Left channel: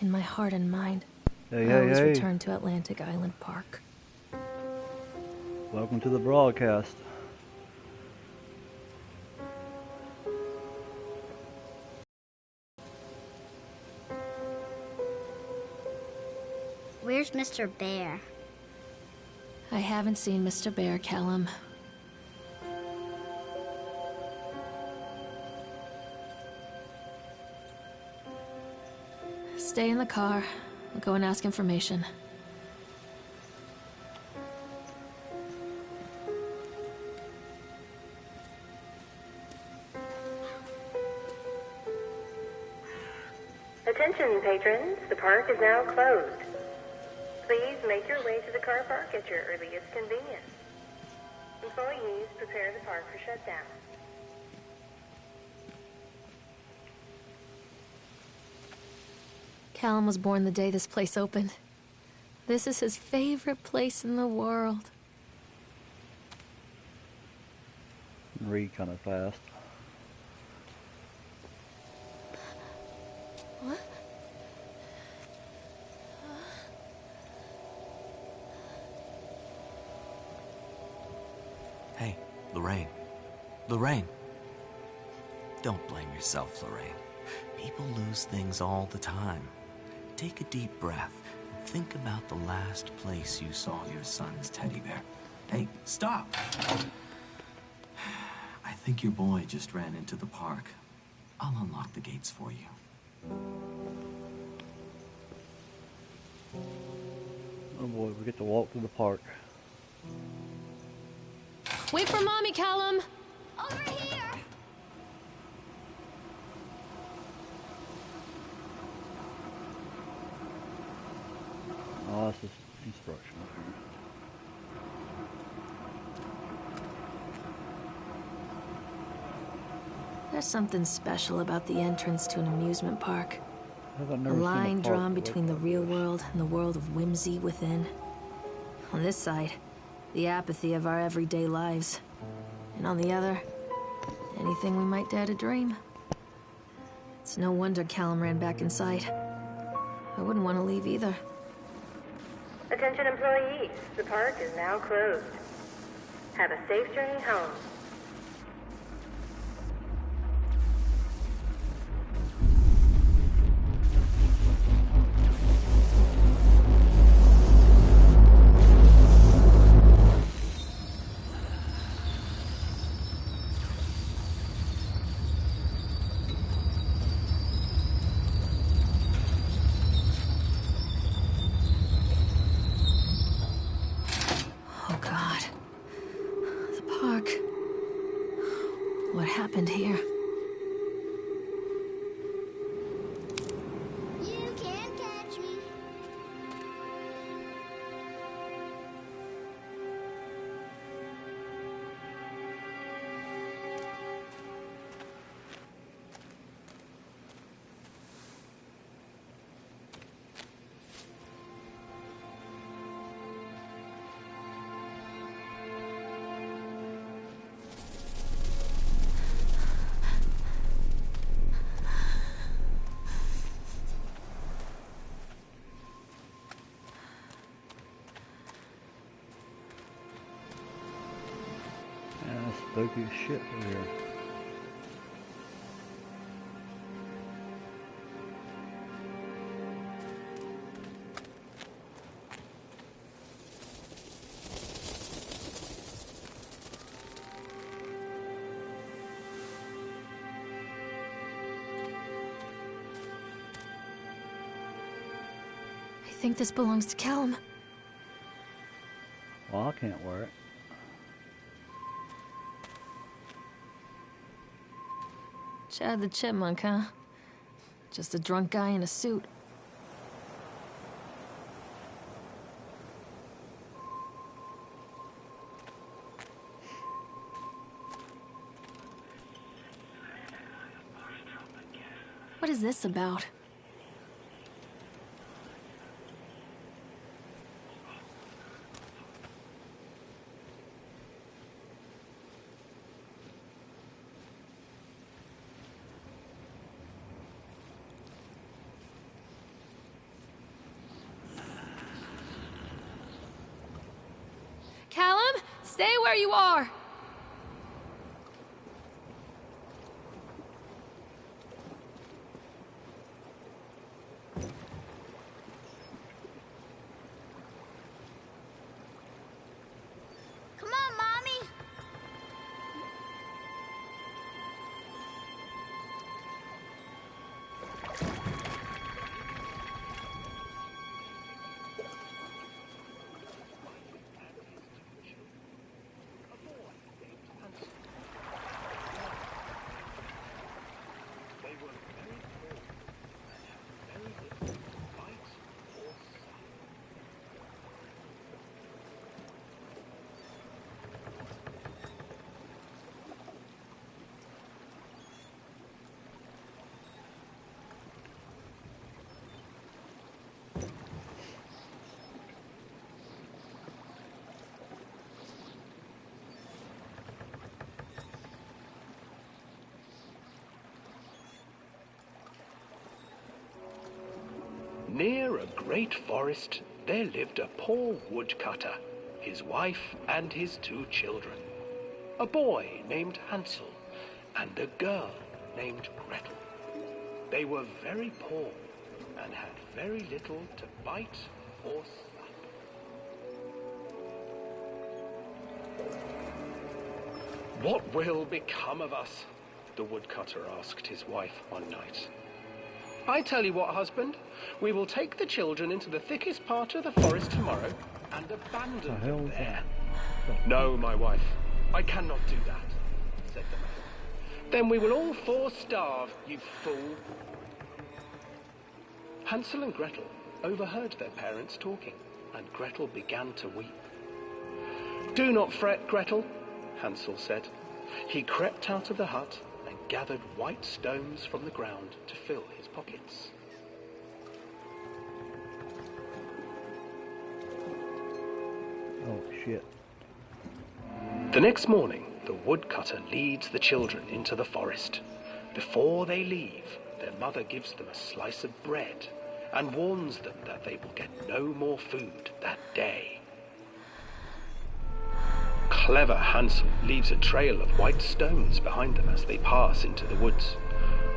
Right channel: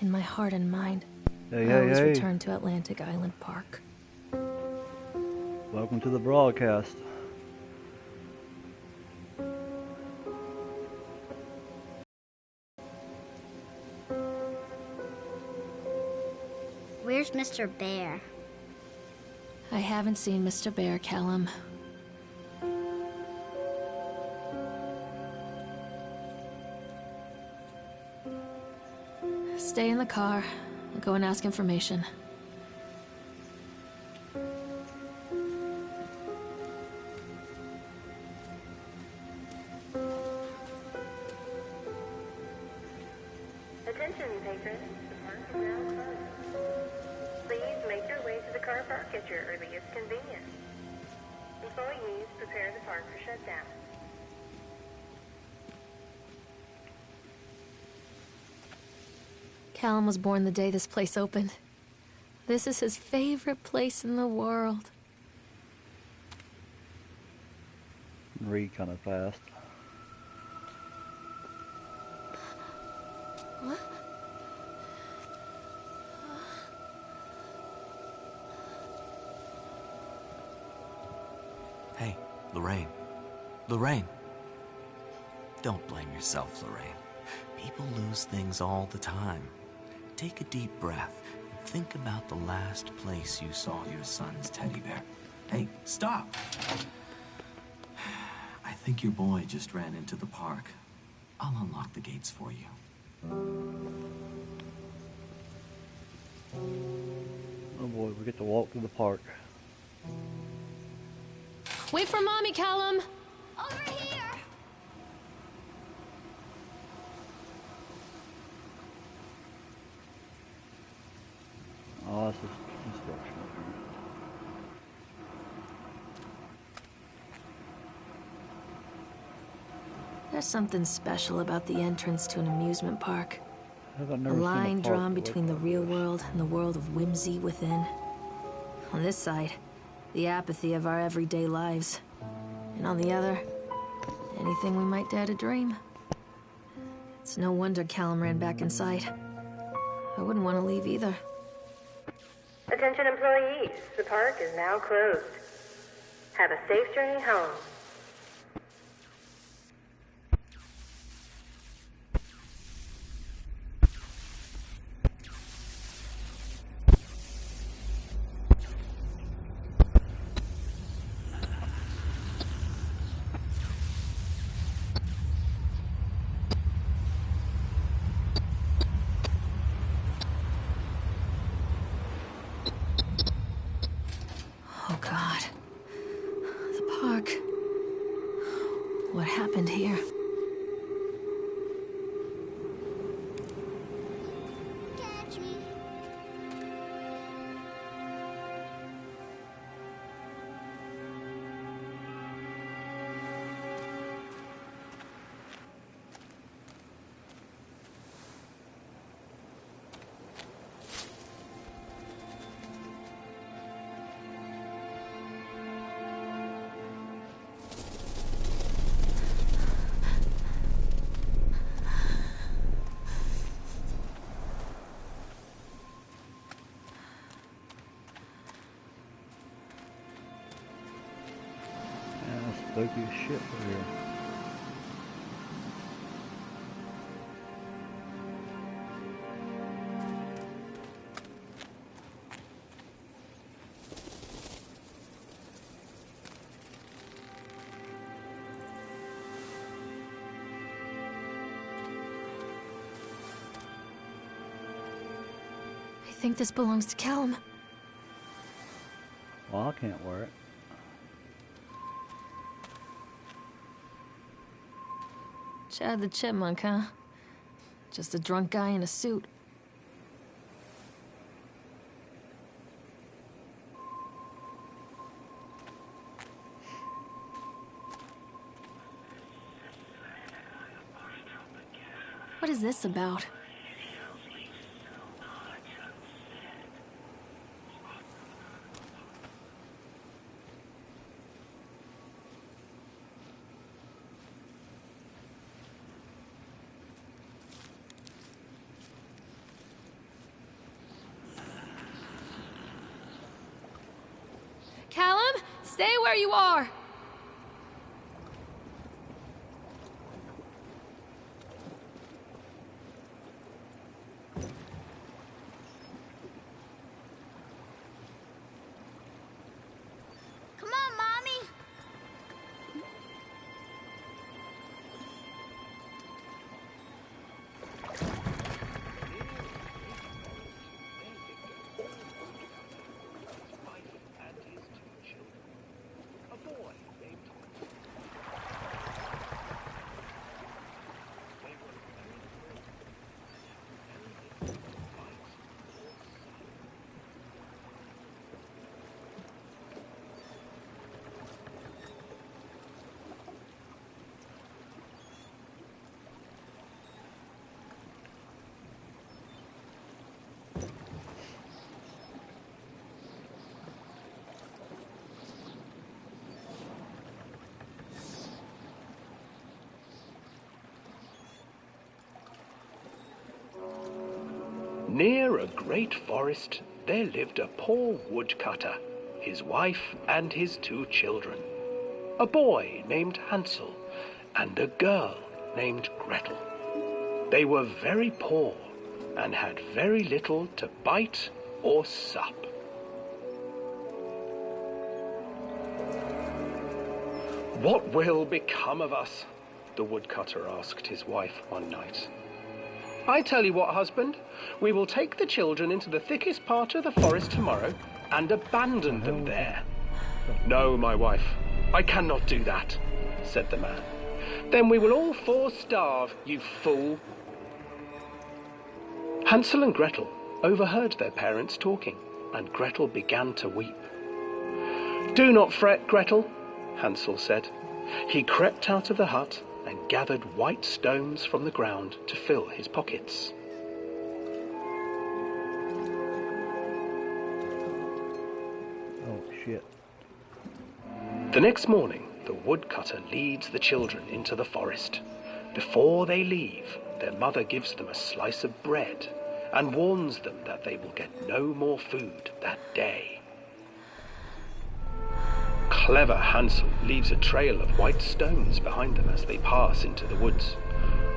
In my heart and mind, Hey, I always return to Atlantic Island Park. Welcome to the broadcast. Where's Mr. Bear? I haven't seen Mr. Bear, Callum. Stay in the car. I'll go and ask information. Attention, patrons. The park is now closed. Please make your way to the car park at your earliest convenience. Employees, prepare the park for shutdown. Callum was born the day this place opened. This is his favorite place in the world. Read kind of fast. What? Hey, Lorraine. Lorraine. Don't blame yourself, Lorraine. People lose things all the time. Take a deep breath and think about the last place you saw your son's teddy bear. Hey, stop! I think your boy just ran into the park. I'll unlock the gates for you. Oh boy, we get to walk through the park. Wait for Mommy, Callum! Over here! Oh, this is instructional here. There's something special about the entrance to an amusement park. I've A never seen line park drawn that between the looked real like this. world and the world of whimsy within. On this side, the apathy of our everyday lives. And on the other, anything we might dare to dream. It's no wonder Callum ran back inside. I wouldn't want to leave either. Attention, employees. The park is now closed. Have a safe journey home. Oh God. The park. What happened here? You can't catch me. Man, that's spooky as shit over here. I think this belongs to Callum. Well, I can't wear it. Chad the Chipmunk, huh? Just a drunk guy in a suit. What is this about? Stay where you are! Come on, Mommy. Near a great forest, there lived a poor woodcutter, his wife and his 2 children, a boy named Hansel and a girl named Gretel. They were very poor and had very little to bite or sup. "What will become of us?" the woodcutter asked his wife one night. "I tell you what, husband, we will take the children into the thickest part of the forest tomorrow and abandon them there." "No, my wife, I cannot do that," said the man. "Then we will all 4 starve, you fool." Hansel and Gretel overheard their parents talking, and Gretel began to weep. "Do not fret, Gretel," Hansel said. He crept out of the hut and gathered white stones from the ground to fill his pockets. Oh, shit. The next morning, the woodcutter leads the children into the forest. Before they leave, their mother gives them a slice of bread and warns them that they will get no more food that day. Clever Hansel leaves a trail of white stones behind them as they pass into the woods.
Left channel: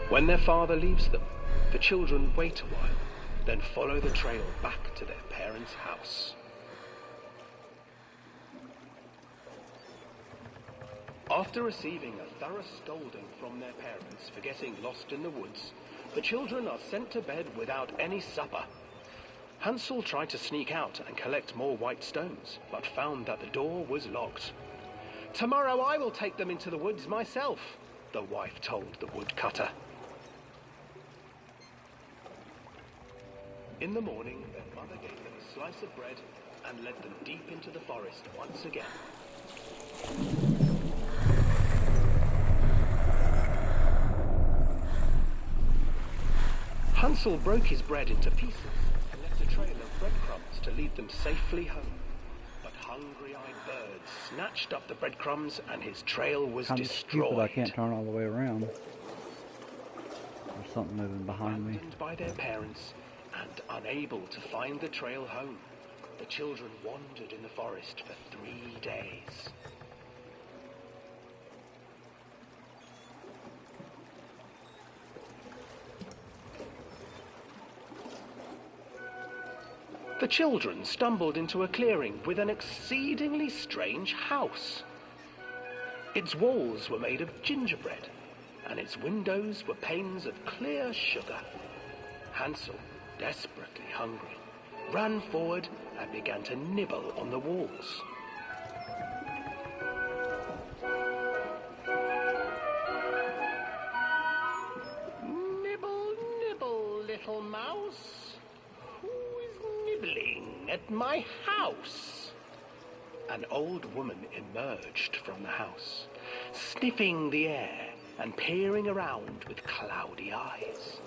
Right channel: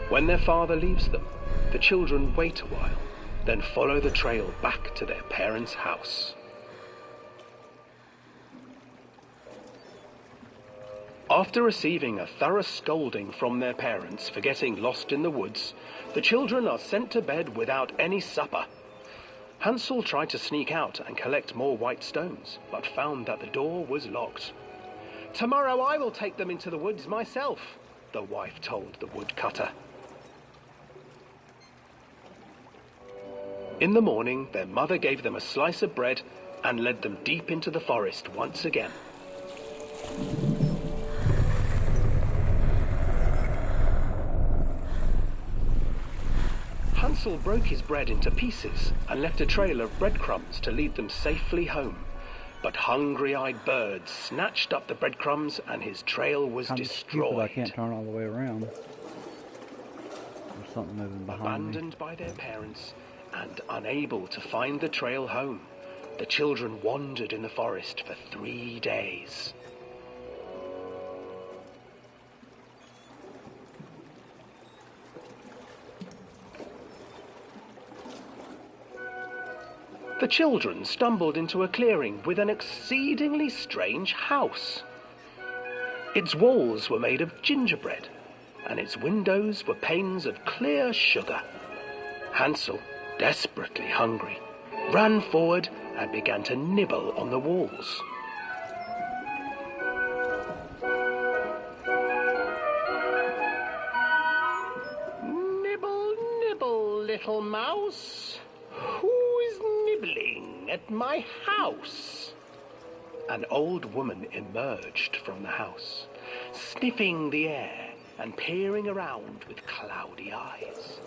When their father leaves them, the children wait a while, then follow the trail back to their parents' house. After receiving a thorough scolding from their parents for getting lost in the woods, the children are sent to bed without any supper. Hansel tried to sneak out and collect more white stones, but found that the door was locked. "Tomorrow I will take them into the woods myself," the wife told the woodcutter. In the morning, their mother gave them a slice of bread and led them deep into the forest once again. Hansel broke his bread into pieces and left a trail of breadcrumbs to lead them safely home. But hungry-eyed birds snatched up the breadcrumbs and his trail was I'm destroyed. stupid, I can't turn all the way around. There's something moving behind me. Abandoned by their parents and unable to find the trail home, the children wandered in the forest for 3 days. The children stumbled into a clearing with an exceedingly strange house. Its walls were made of gingerbread, and its windows were panes of clear sugar. Hansel, desperately hungry, ran forward and began to nibble on the walls. "Nibble, nibble, little mouse. Who is nibbling at my house?" An old woman emerged from the house, sniffing the air and peering around with cloudy eyes.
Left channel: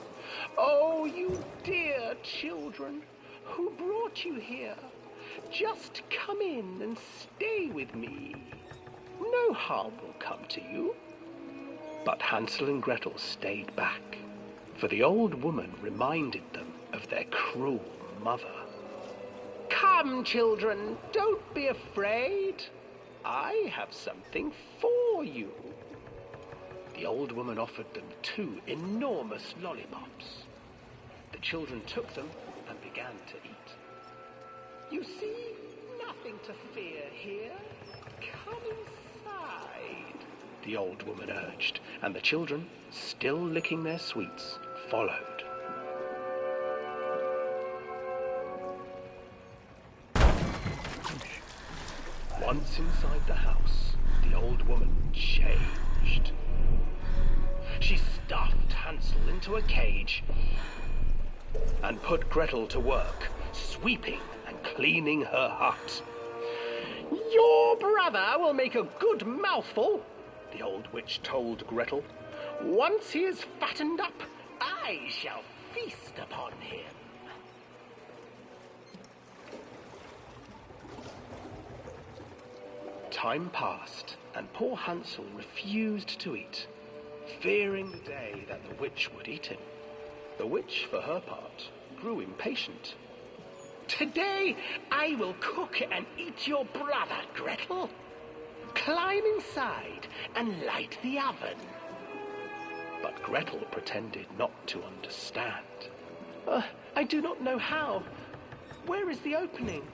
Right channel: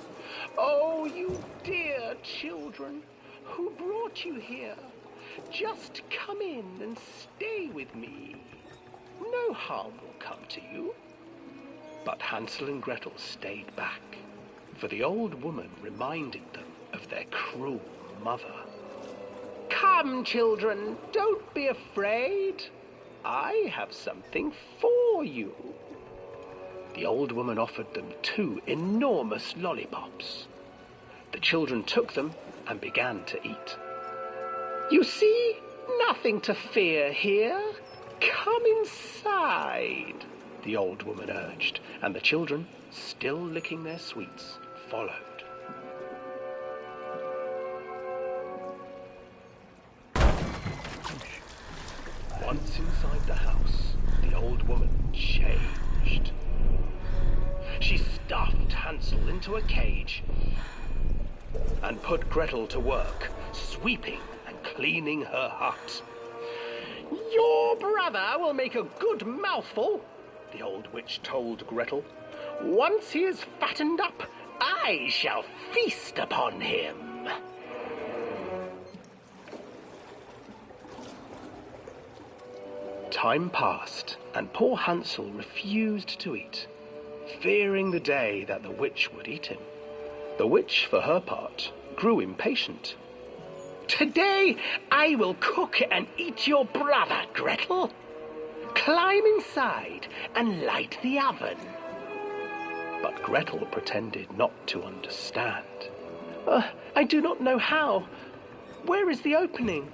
"Oh, you dear children, who brought you here? Just come in and stay with me. No harm will come to you." But Hansel and Gretel stayed back, for the old woman reminded them of their cruel mother. "Come, children, don't be afraid," I have something for you. The old woman offered them 2 enormous lollipops. The children took them and began to eat. You see, nothing to fear here. Come inside, the old woman urged, and the children, still licking their sweets, followed. Once inside the house, the old woman changed. She stuffed Hansel into a cage and put Gretel to work, sweeping and cleaning her hut. Your brother will make a good mouthful, the old witch told Gretel. Once he is fattened up, I shall feast upon him. Time passed, and poor Hansel refused to eat, fearing the day that the witch would eat him. The witch, for her part, grew impatient. Today I will cook and eat your brother, Gretel. Climb inside and light the oven. But Gretel pretended not to understand. I do not know how. Where is the opening?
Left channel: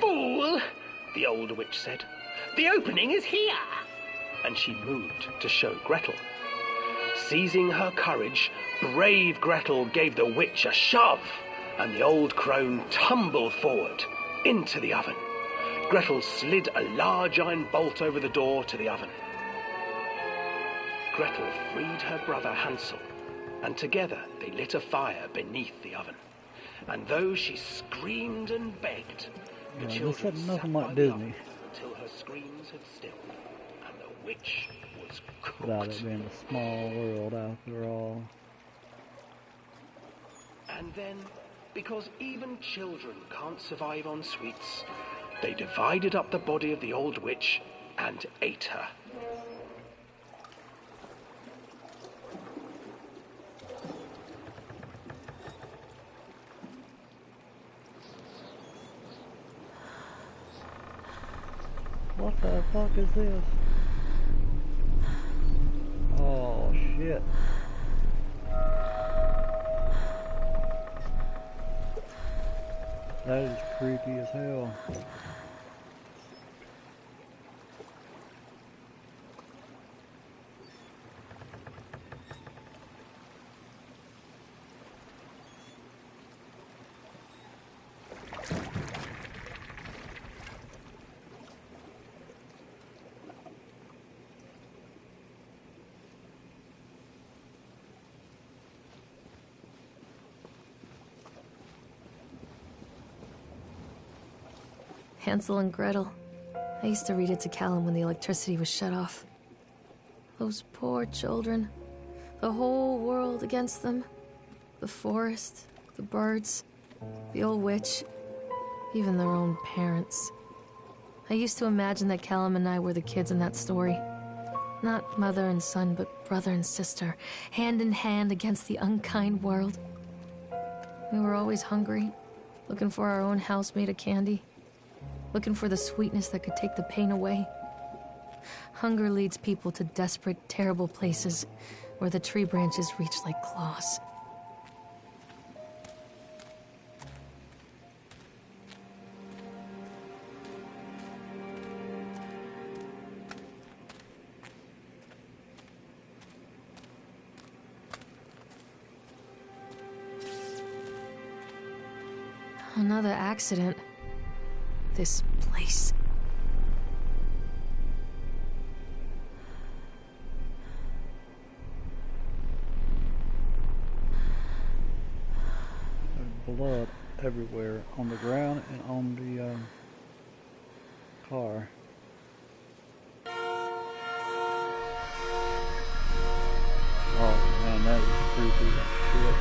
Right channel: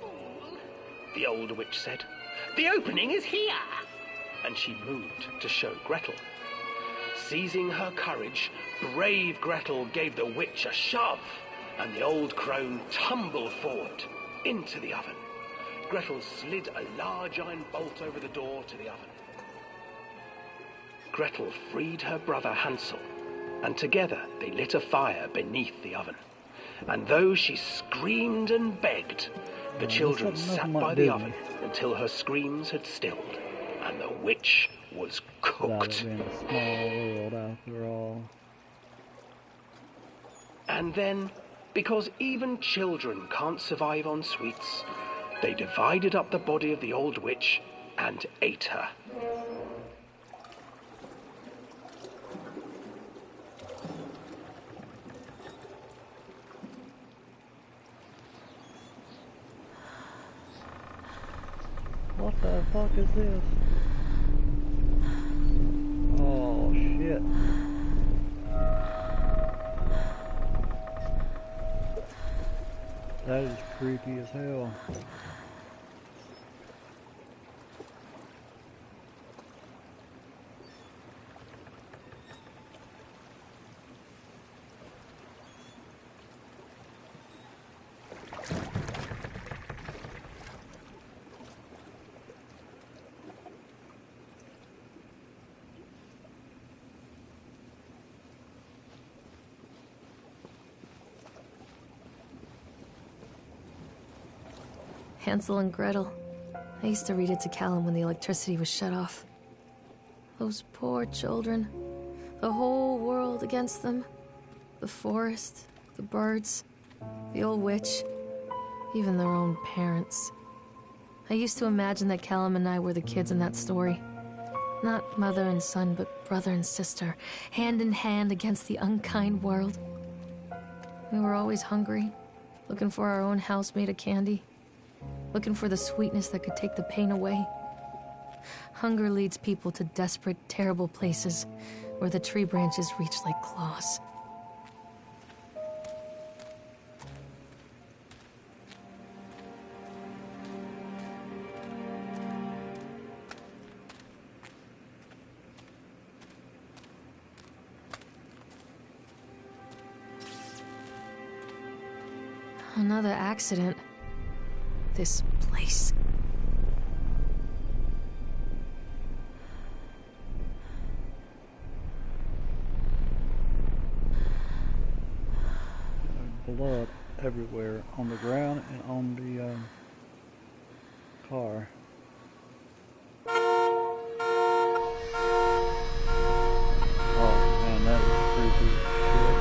Fool, the old witch said. The opening is here. And she moved to show Gretel. Seizing her courage, brave Gretel gave the witch a shove, and the old crone tumbled forward into the oven. Gretel slid a large iron bolt over the door to the oven. Gretel freed her brother Hansel, and together they lit a fire beneath the oven. And though she screamed and begged, the children sat by the oven until her screams had stilled, and the witch was cooked. That being a small world after all. And then, because even children can't survive on sweets, they divided up the body of the old witch and ate her. What the fuck is this? Oh shit. That is creepy as hell. Hansel and Gretel. I used to read it to Callum when the electricity was shut off. Those poor children. The whole world against them. The forest, the birds, the old witch, even their own parents. I used to imagine that Callum and I were the kids in that story. Not mother and son, but brother and sister, hand in hand against the unkind world. We were always hungry, looking for our own house made of candy. Looking for the sweetness that could take the pain away. Hunger leads people to desperate, terrible places where the tree branches reach like claws. Another accident. This place. There's blood everywhere on the ground and on the car. Oh man, that is creepy as shit.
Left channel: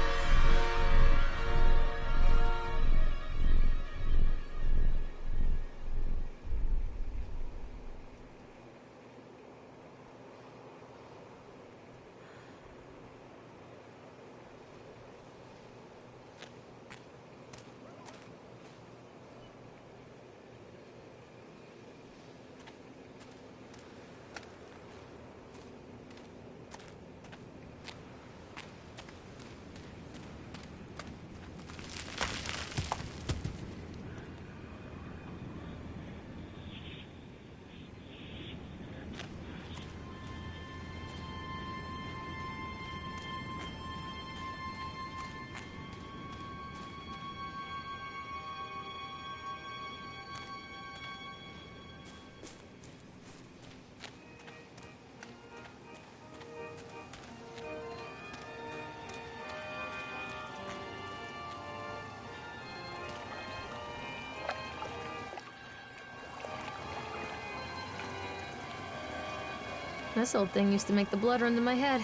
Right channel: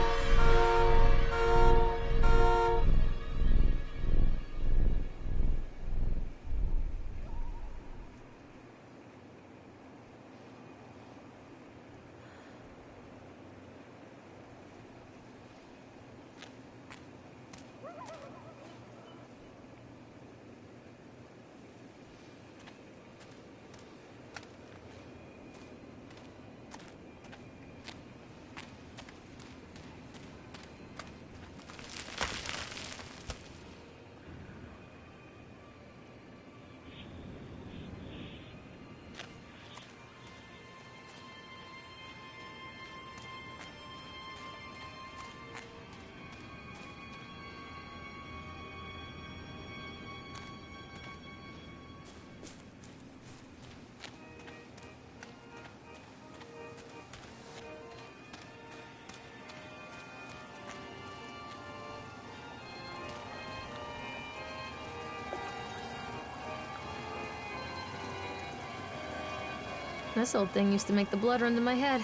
This old thing used to make the blood run to my head.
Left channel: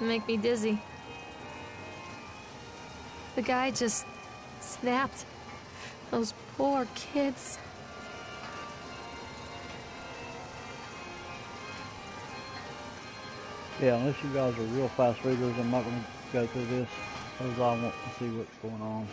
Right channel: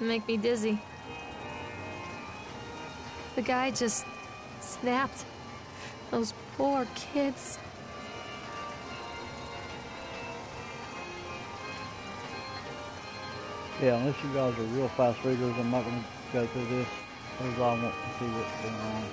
Make me dizzy. The guy just snapped. Those poor kids. Yeah, unless you guys are real fast readers, I'm not going to go through this, because I want to see what's going on.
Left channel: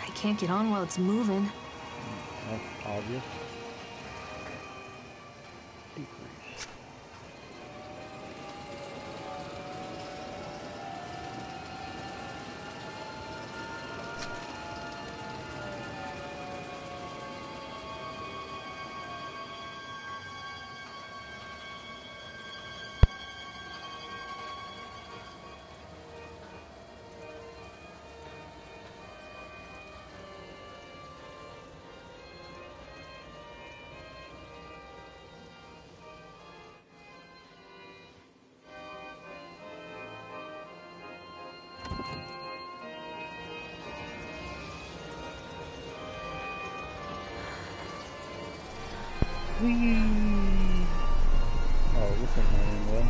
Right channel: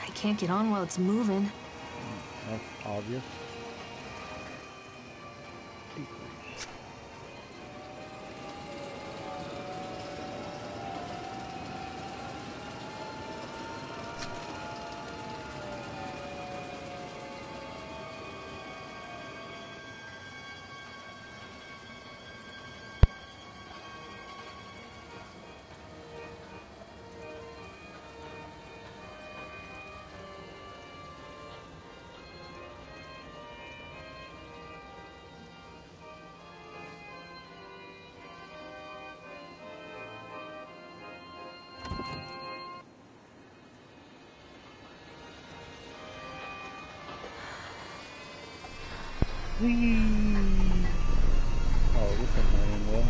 I can't get on while it's moving. That's obvious. Decrease. Whee! Oh, this ain't going in well.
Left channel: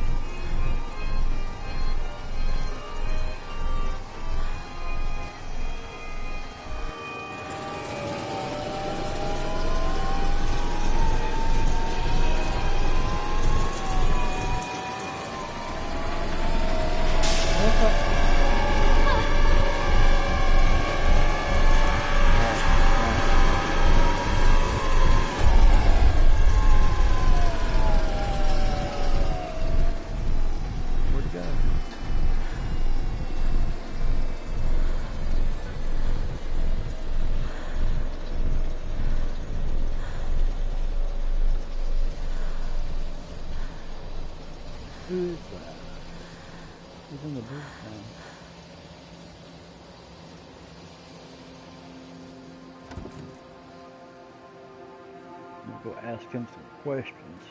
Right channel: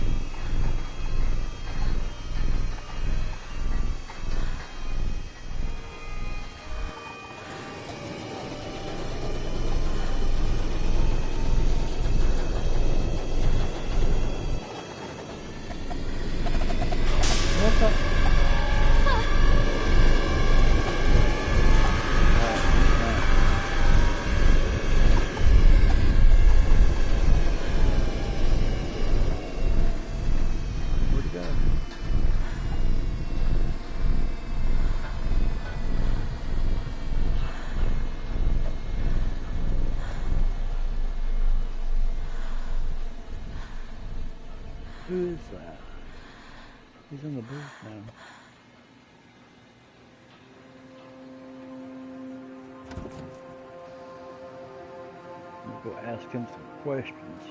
What's up? Where'd it go? Who is that? He's in the booth now. I'm gonna go ask him some questions.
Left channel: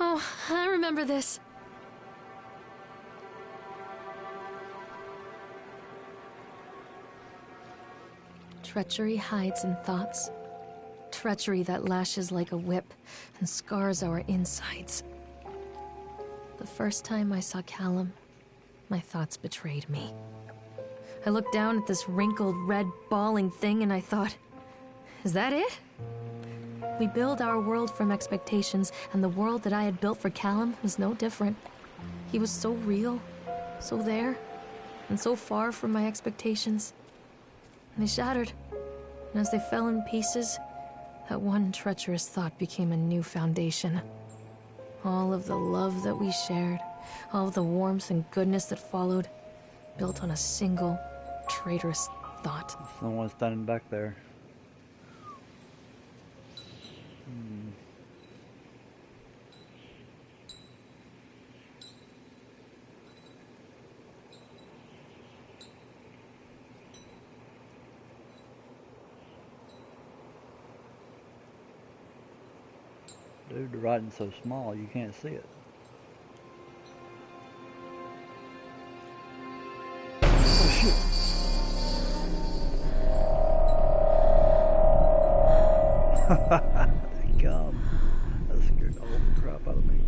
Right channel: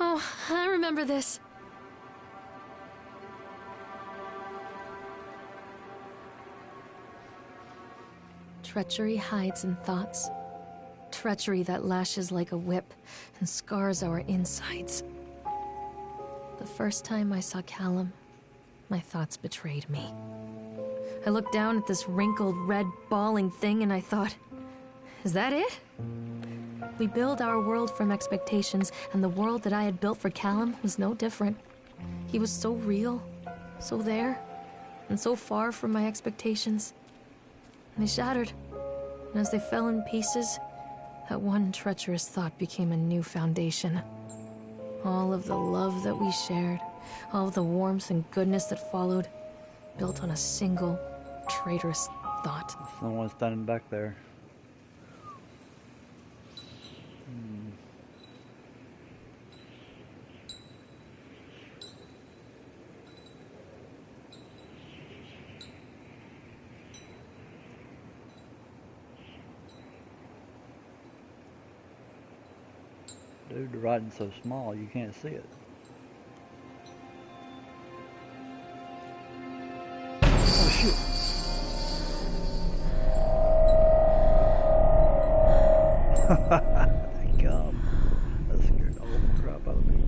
Oh, I remember this. Treachery hides in thoughts. Treachery that lashes like a whip and scars our insides. The first time I saw Callum, my thoughts betrayed me. I looked down at this wrinkled, red, bawling thing and I thought, is that it? We build our world from expectations, and the world that I had built for Callum was no different. He was so real, so there, and so far from my expectations. And they shattered, and as they fell in pieces, that one treacherous thought became a new foundation. All of the love that we shared, all of the warmth and goodness that followed, built on a single, traitorous thought. Someone's standing back there. Dude, the writing's so small you can't see it. Oh shit. God, that scared the whole crap out of me.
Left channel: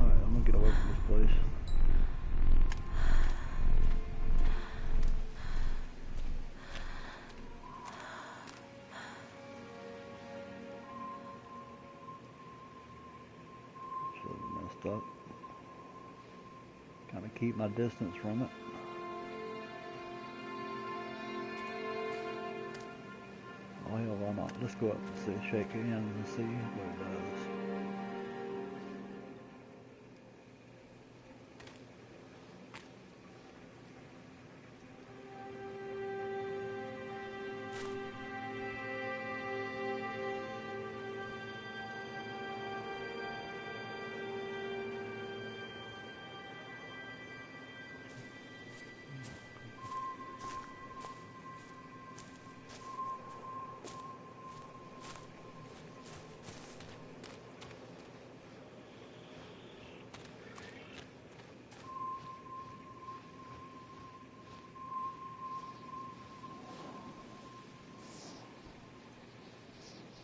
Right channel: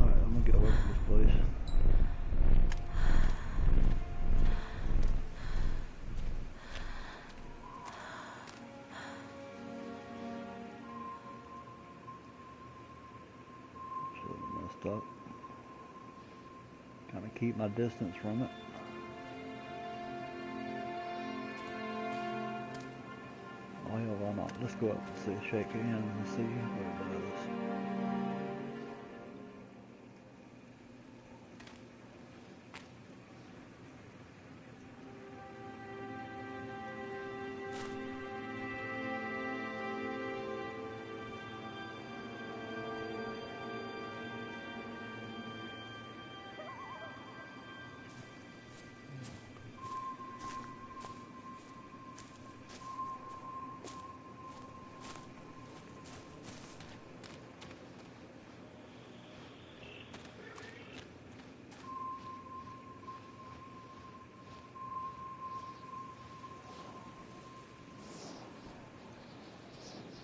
Alright, I'm gonna get away from this place. Up. Kind of keep my distance from it. Oh hell, why not? Let's go up and see, shake hands and see what it does.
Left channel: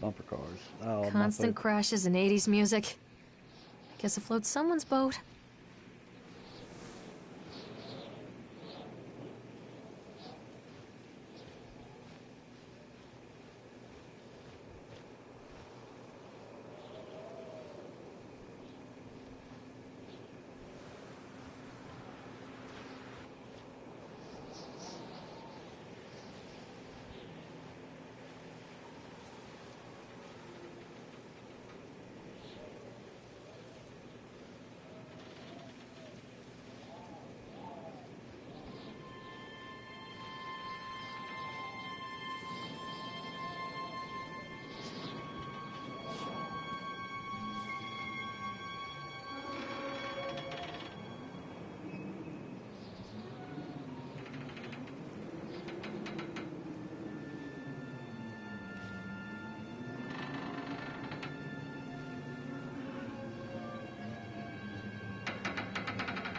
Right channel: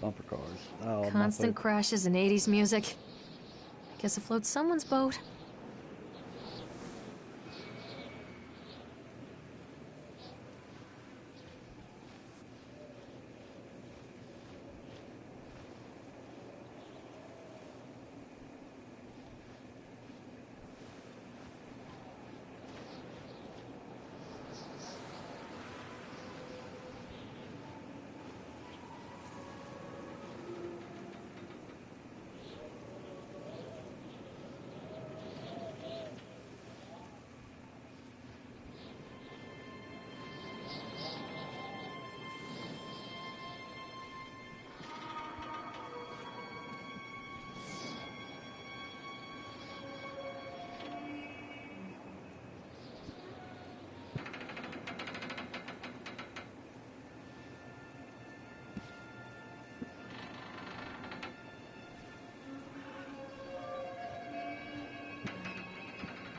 Bumper cars. Oh, Constant crashes and 80s music. I guess it floats someone's boat.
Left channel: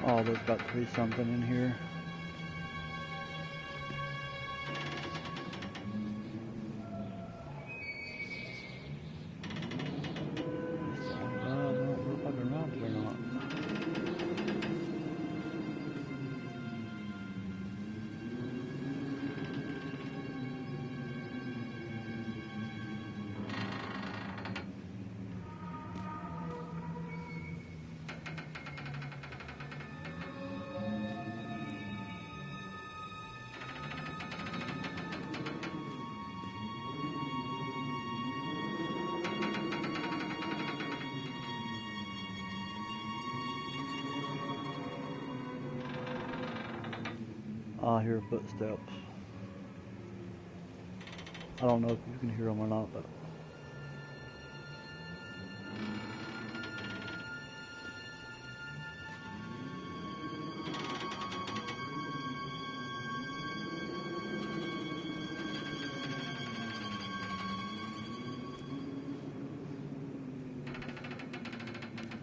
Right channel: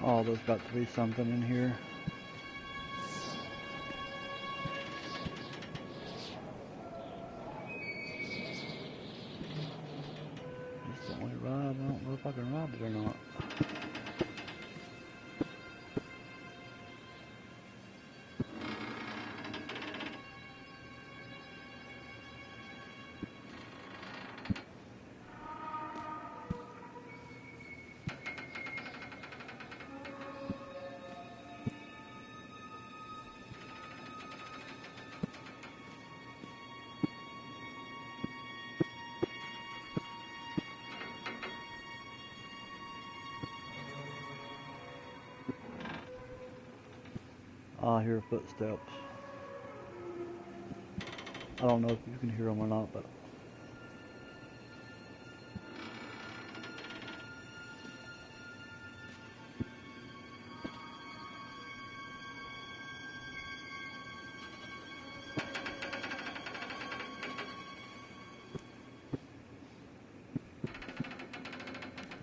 Oh, there's got to be something in here. It's the only ride. I don't know if I can ride it or not. I hear footsteps. I don't know if you can hear them or not, but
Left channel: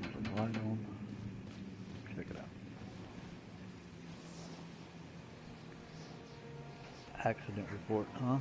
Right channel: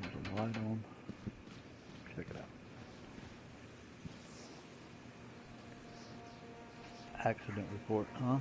there's a light on. Check it out. Accident report, huh?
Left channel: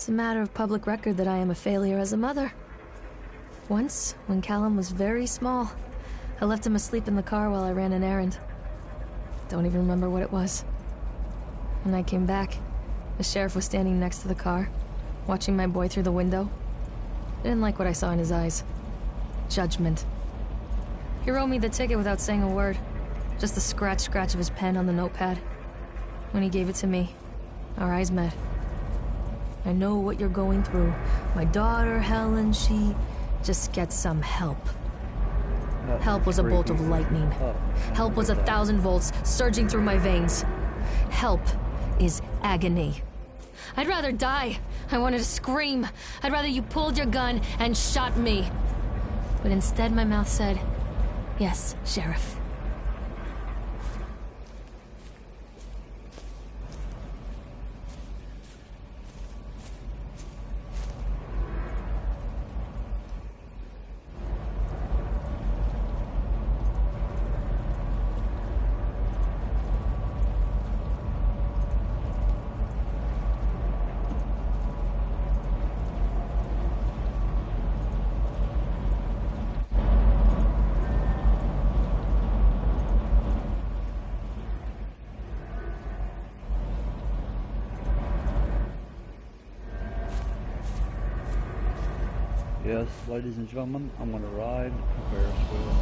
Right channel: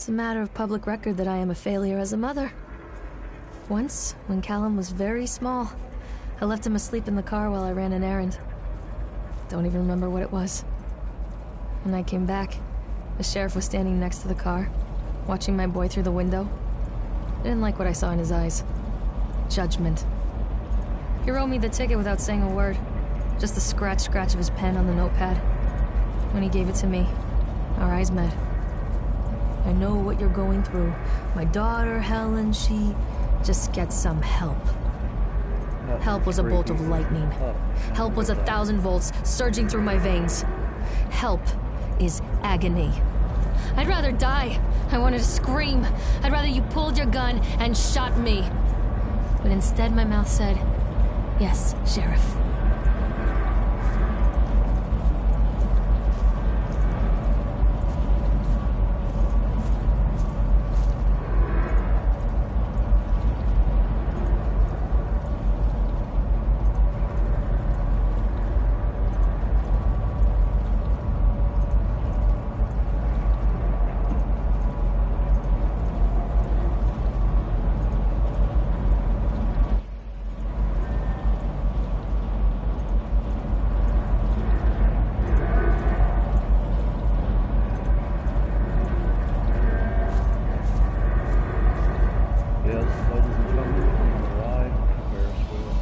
It's a matter of public record that I am a failure as a mother. Once, when Callum was very small, I left him asleep in the car while I ran an errand. Don't even remember what it was. When I came back, the sheriff was standing next to the car, watching my boy through the window. I didn't like what I saw in his eyes. Judgment. He wrote me the ticket without saying a word. Just the scratch of his pen on the notepad. When he gave it to me, our eyes met. I know what you're going through. My daughter, Helen, she just gets some help. Help was a bolt of lightning. Help was 1,000 volts surging through my veins. Help is agony. I'd rather die. I wanted to scream. I'd rather you pulled your gun and shot me. But instead my mouth said, "Yes, Sheriff." this, ladies and gentlemen. I'm gonna ride a Ferris wheel.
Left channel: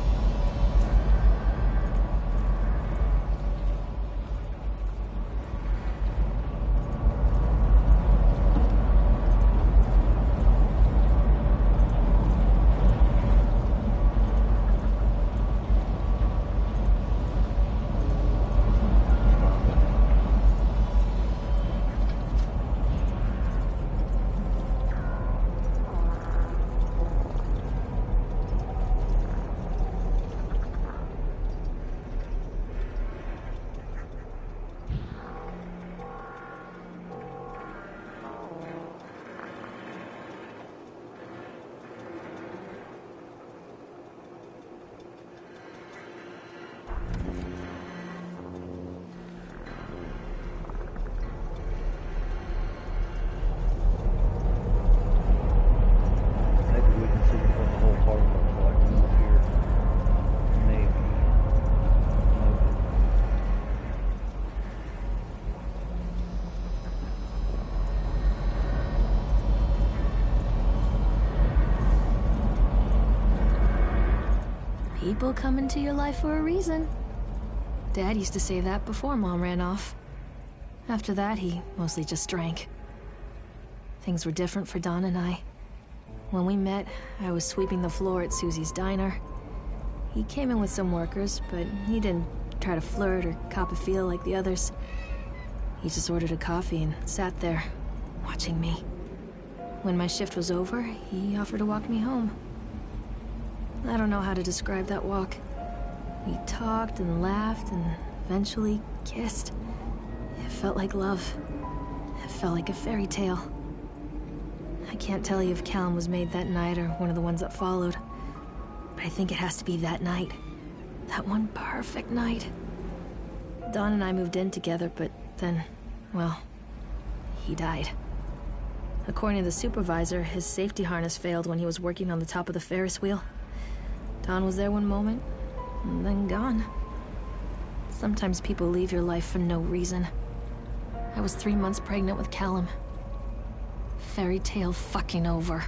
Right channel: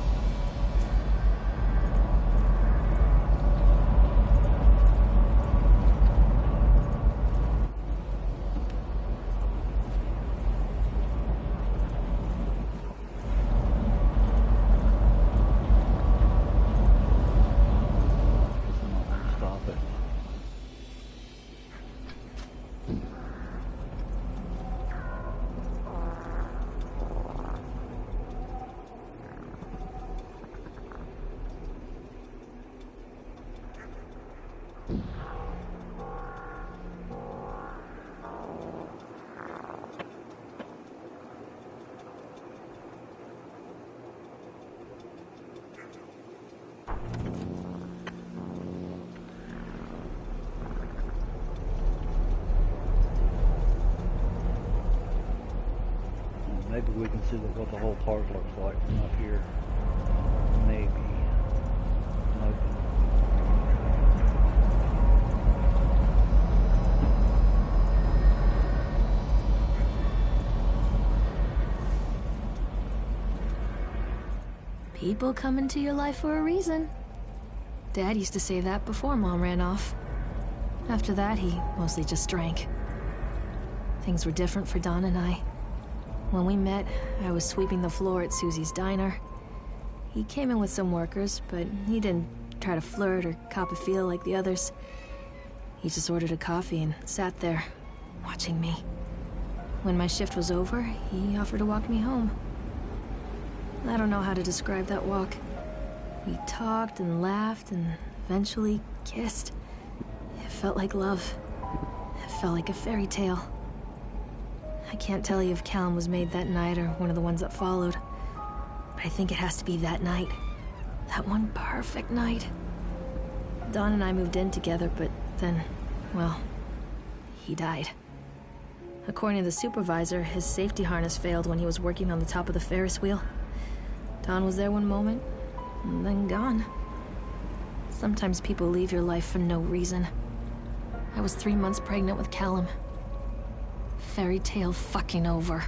Maybe we can see what the whole park looks like from up here. Maybe. Nope. People come into your life for a reason. Dad used to say that before Mom ran off. After that, he mostly just drank. Things were different for Don and I. When we met, I was sweeping the floor at Susie's diner. He came in with some workers, but he didn't try to flirt or cop a feel like the others. He just ordered a coffee and sat there, watching me. When my shift was over, he offered to walk me home. I don't know how to describe that walk. We talked and laughed and eventually kissed. It felt like love. It felt like a fairy tale. I can't tell you if Callum was made that night or one of the ones that followed, but I think it has to be that night. That one perfect night. Dawn and I moved in together, but then, well, he died. According to the supervisor, his safety harness failed when he was working on the top of the Ferris wheel. Dawn was there one moment, and then gone. Sometimes people leave your life for no reason. I was 3 months pregnant with Callum. Fairy tale fucking over.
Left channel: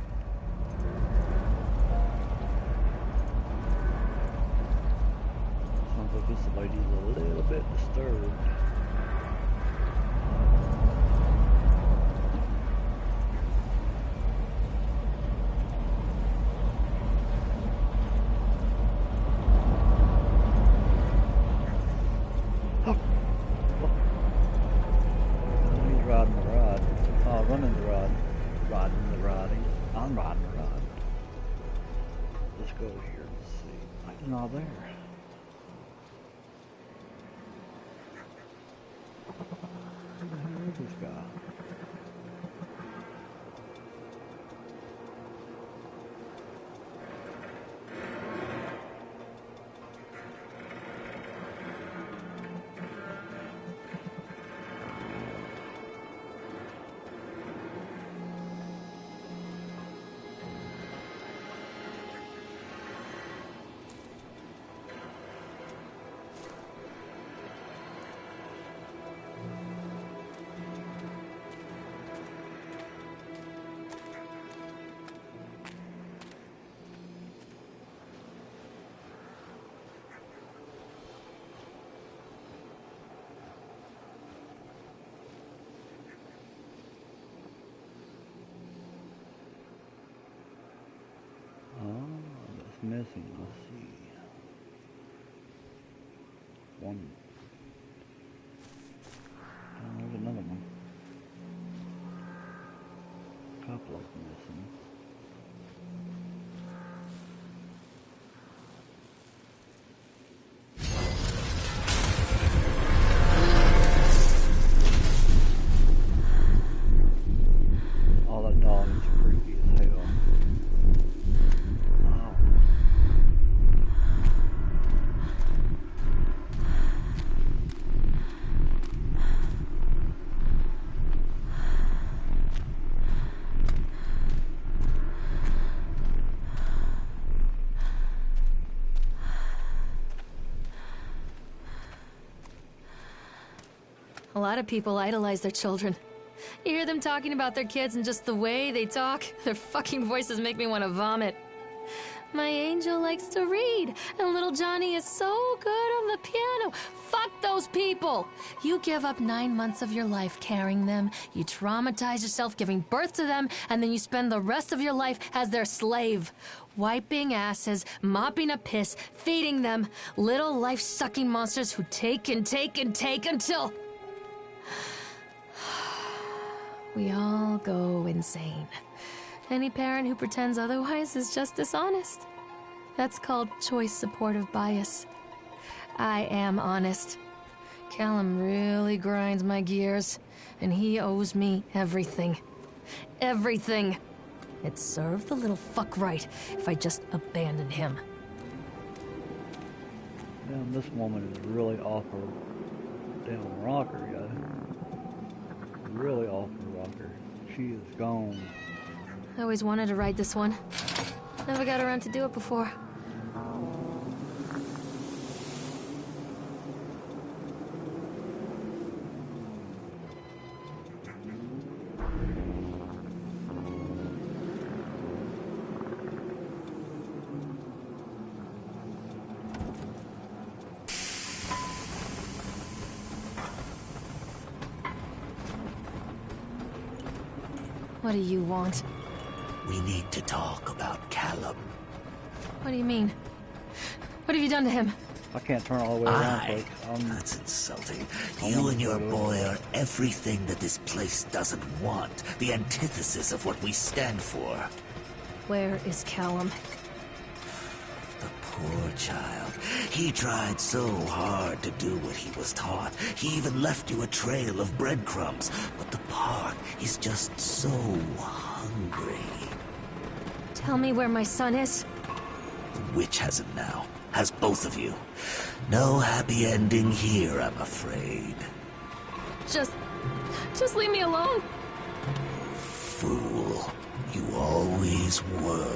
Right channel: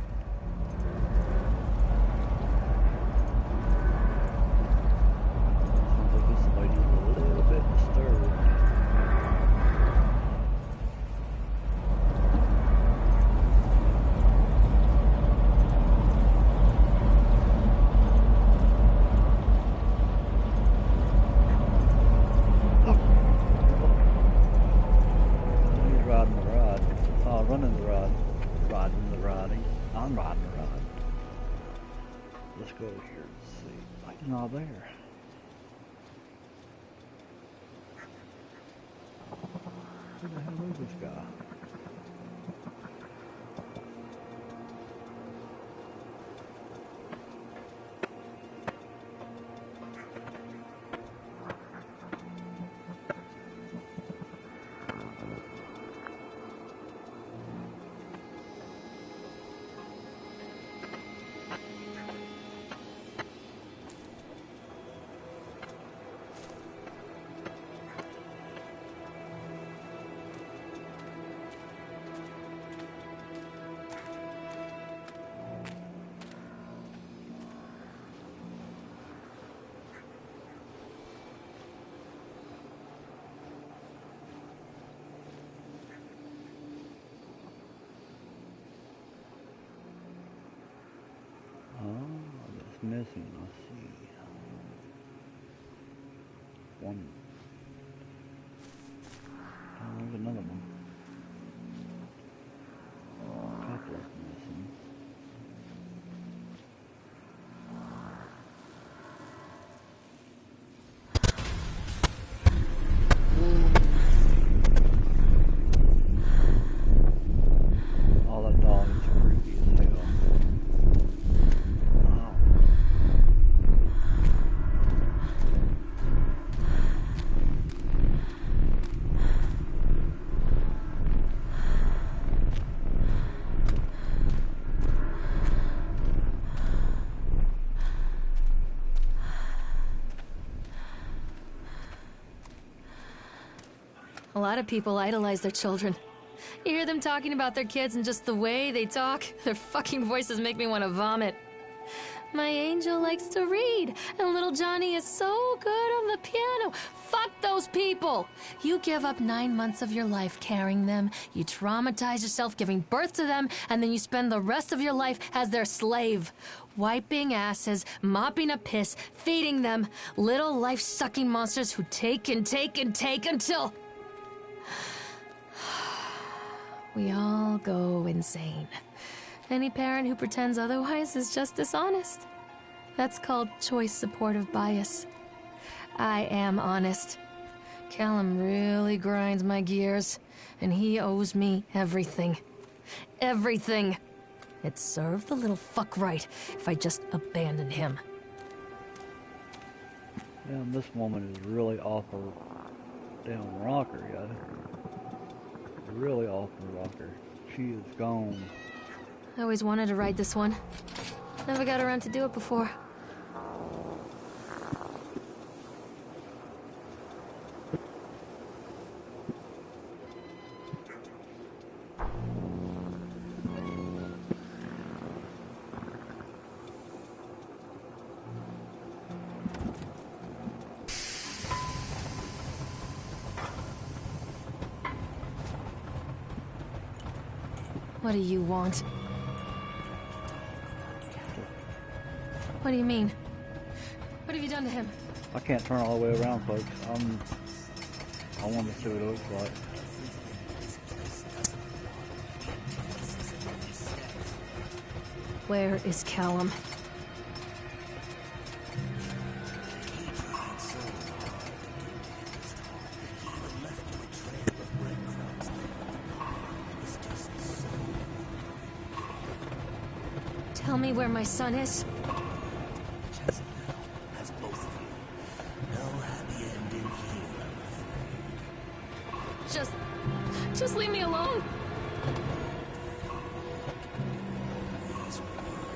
Sounds like this lady's a little bit disturbed. He's riding the ride. Oh, running the ride. Riding the riding. I'm riding the ride. Let's go here and see. He's not there. Who the hell is this guy? That's missing. Let's see. One. Oh, there's another one. A couple of them missing. Oh, that dog is creepy as hell. Wow. A lot of people idolize their children. You hear them talking about their kids and just the way they talk, their fucking voices make me want to vomit. My angel likes to read, and little Johnny is so good on the piano. Fuck those people! You give up 9 months of your life carrying them, you traumatize yourself giving birth to them, and then you spend the rest of your life as their slave. Wiping asses, mopping up piss, feeding them. Little life-sucking monsters who take and take and take until... we all go insane. Any parent who pretends otherwise is just dishonest. That's called choice supportive bias. I am honest. Callum really grinds my gears, and he owes me everything. Everything. It'd serve the little fuck right if I just abandoned him. Damn, this woman is really off her damn rocker, yo. Really off her rocker. She is gone. I always wanted to ride this one. Never got around to do it before. What do you want? We need to talk about Callum. What do you mean? What have you done to him? I can't turn all the way around, folks. That's insulting. I You wanna and your start over. boy are everything that this place doesn't want. The antithesis of what we stand for. Where is Callum? The poor child. He tried so hard to do what he was taught. He even left you a trail of breadcrumbs. But the park is just so hungry. Tell me where my son is. The witch has him now. Has both of you. No happy ending here, I'm afraid. Just leave me alone. Fool. You always were.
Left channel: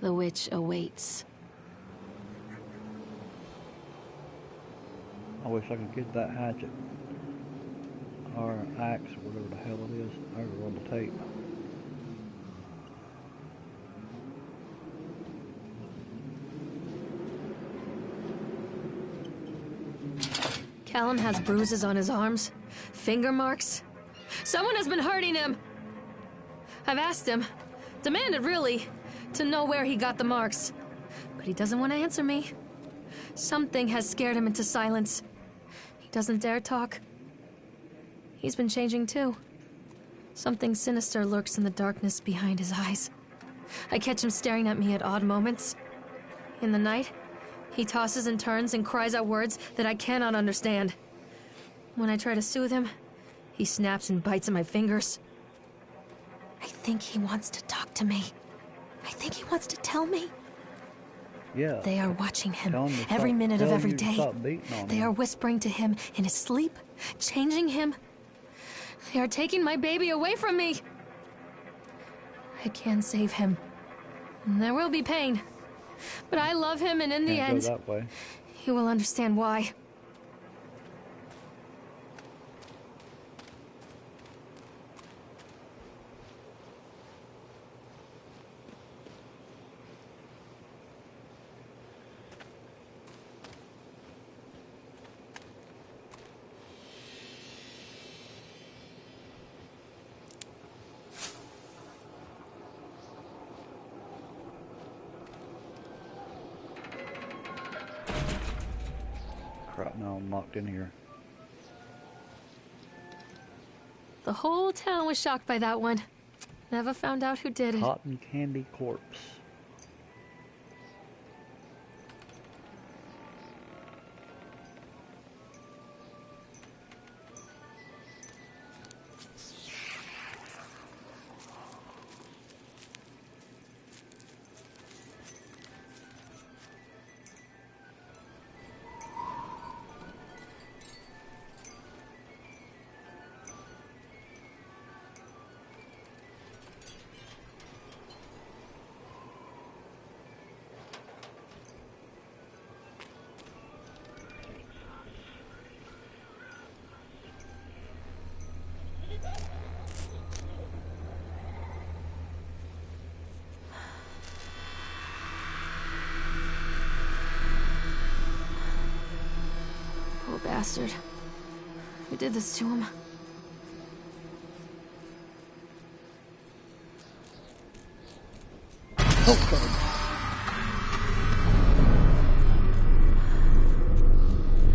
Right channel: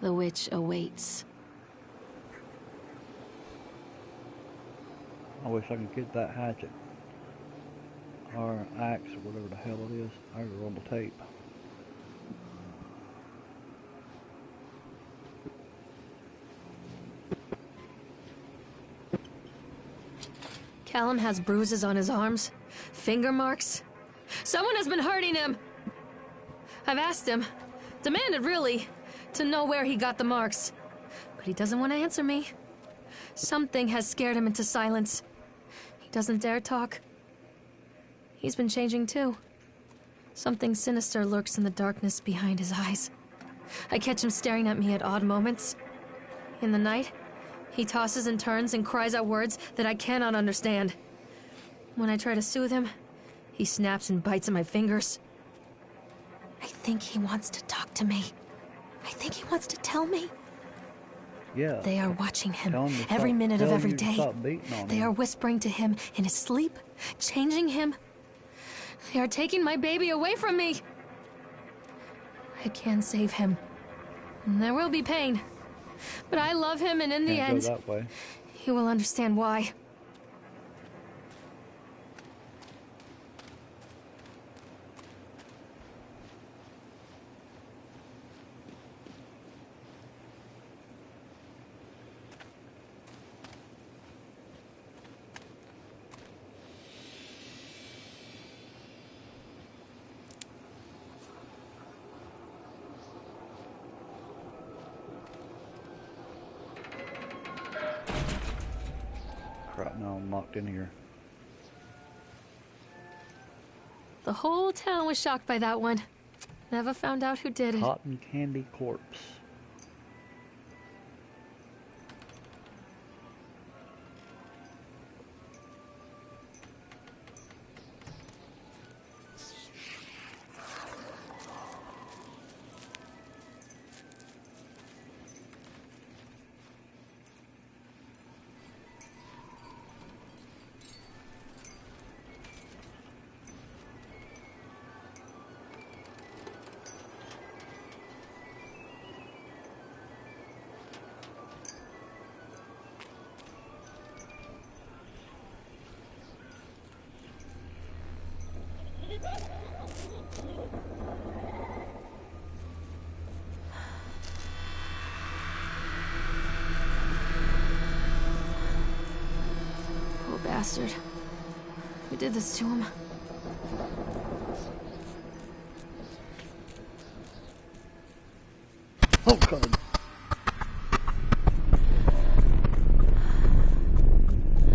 The witch awaits. I wish I could get that hatchet. Or axe, or whatever the hell it is. I was on the tape. Callum has bruises on his arms, finger marks. Someone has been hurting him. I've asked him, demanded really, to know where he got the marks. But he doesn't want to answer me. Something has scared him into silence. He doesn't dare talk. He's been changing too. Something sinister lurks in the darkness behind his eyes. I catch him staring at me at odd moments. In the night, He tosses and turns and cries out words that I cannot understand. When I try to soothe him, he snaps and bites at my fingers. I think he wants to talk to me. I think he wants to tell me. Yeah. They are watching him Tell him to every stop- minute of tell every you to day. stop beating on They him. are whispering to him in his sleep, changing him. They are taking my baby away from me. I can save him. And there will be pain. But I love him, and in the Can't end, go that way. he will understand why. Crap, now I'm locked in here. The whole town was shocked by that one. Never found out who did it. Cotton candy corpse. Poor bastard. Who did this to him? Oh, God.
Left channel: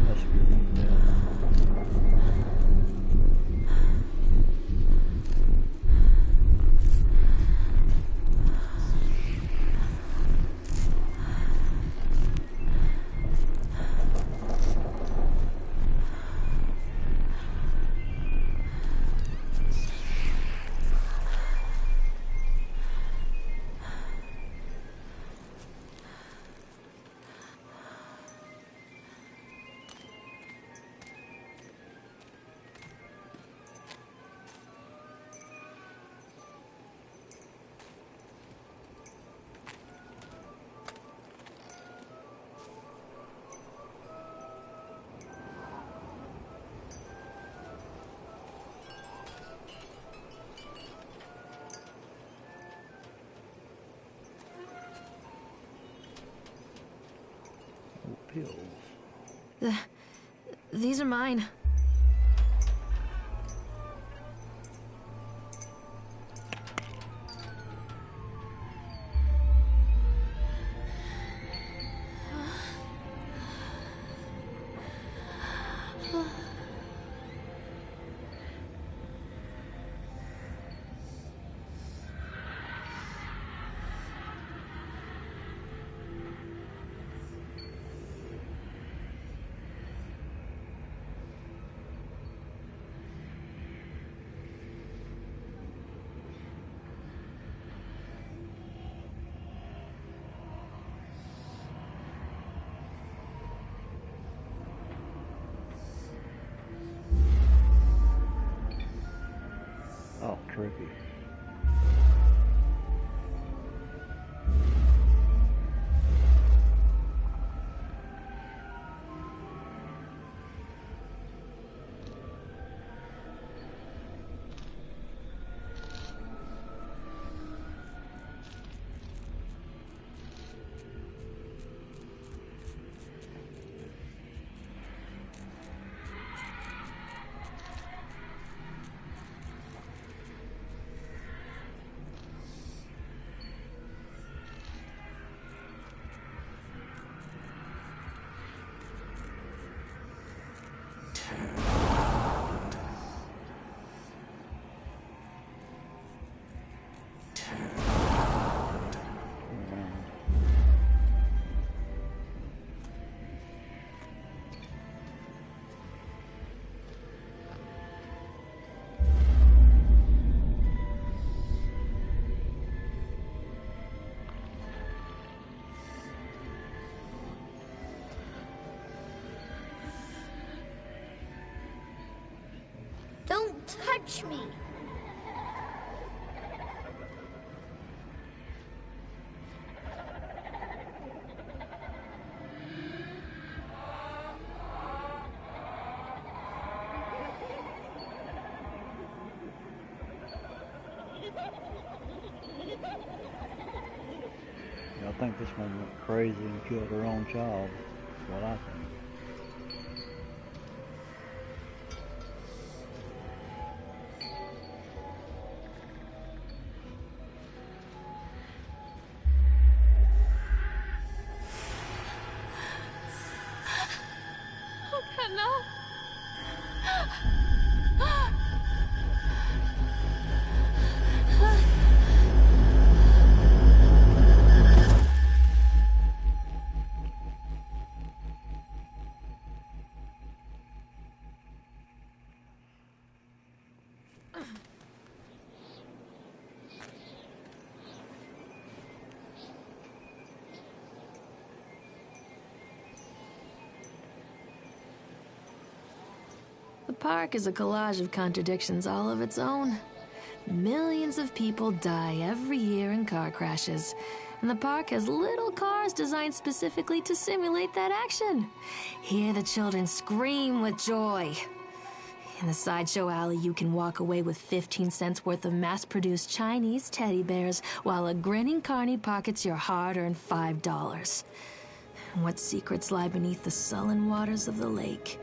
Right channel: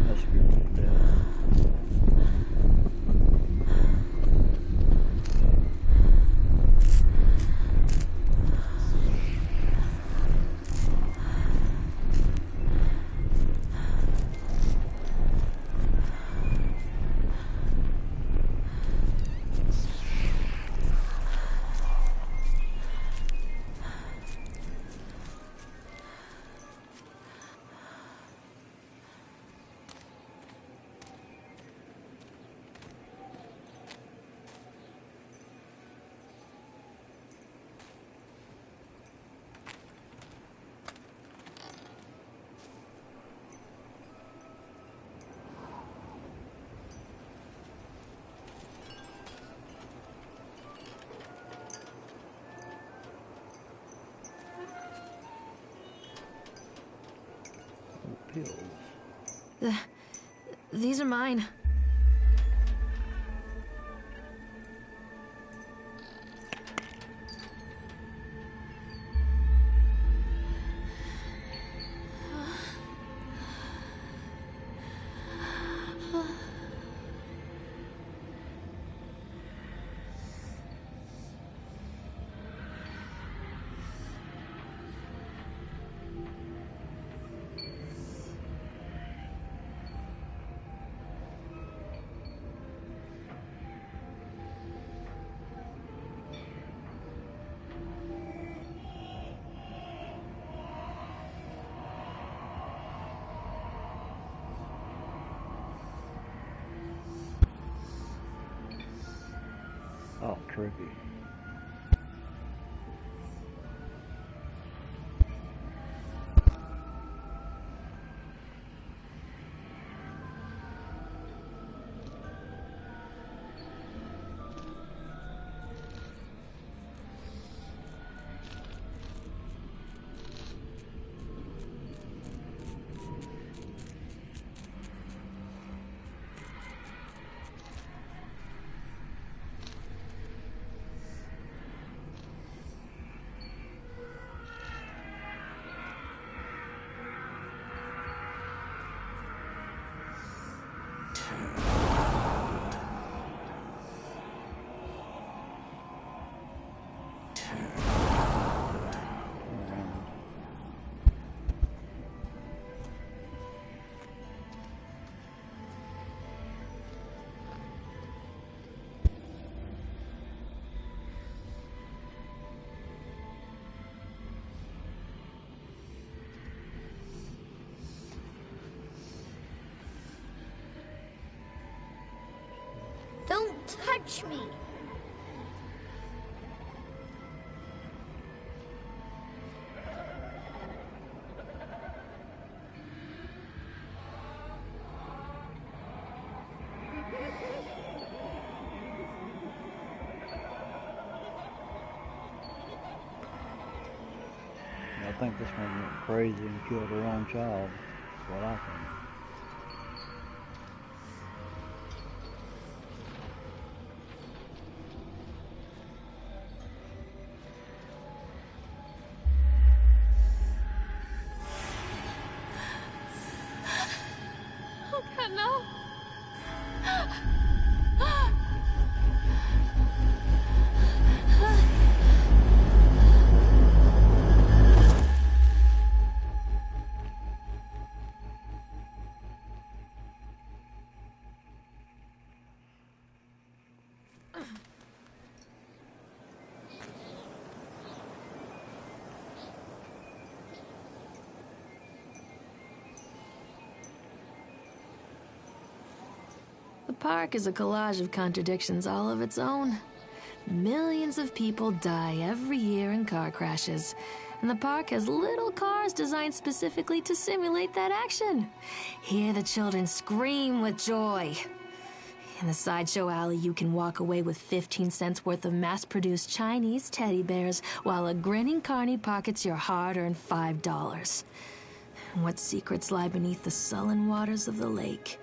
That scared me to death. Oh, pills. These are mine. Oh, trippy. touch me. I think this one went crazy and killed her own child. That's what I think. Oh, God, no. The park is a collage of contradictions all of its own. Millions of people die every year in car crashes, and the park has little cars designed specifically to simulate that action. Hear the children scream with joy. In the sideshow alley, you can walk away with 15 cents worth of mass-produced Chinese teddy bears, while a grinning carny pockets your hard-earned $5. What secrets lie beneath the sullen waters of the lake?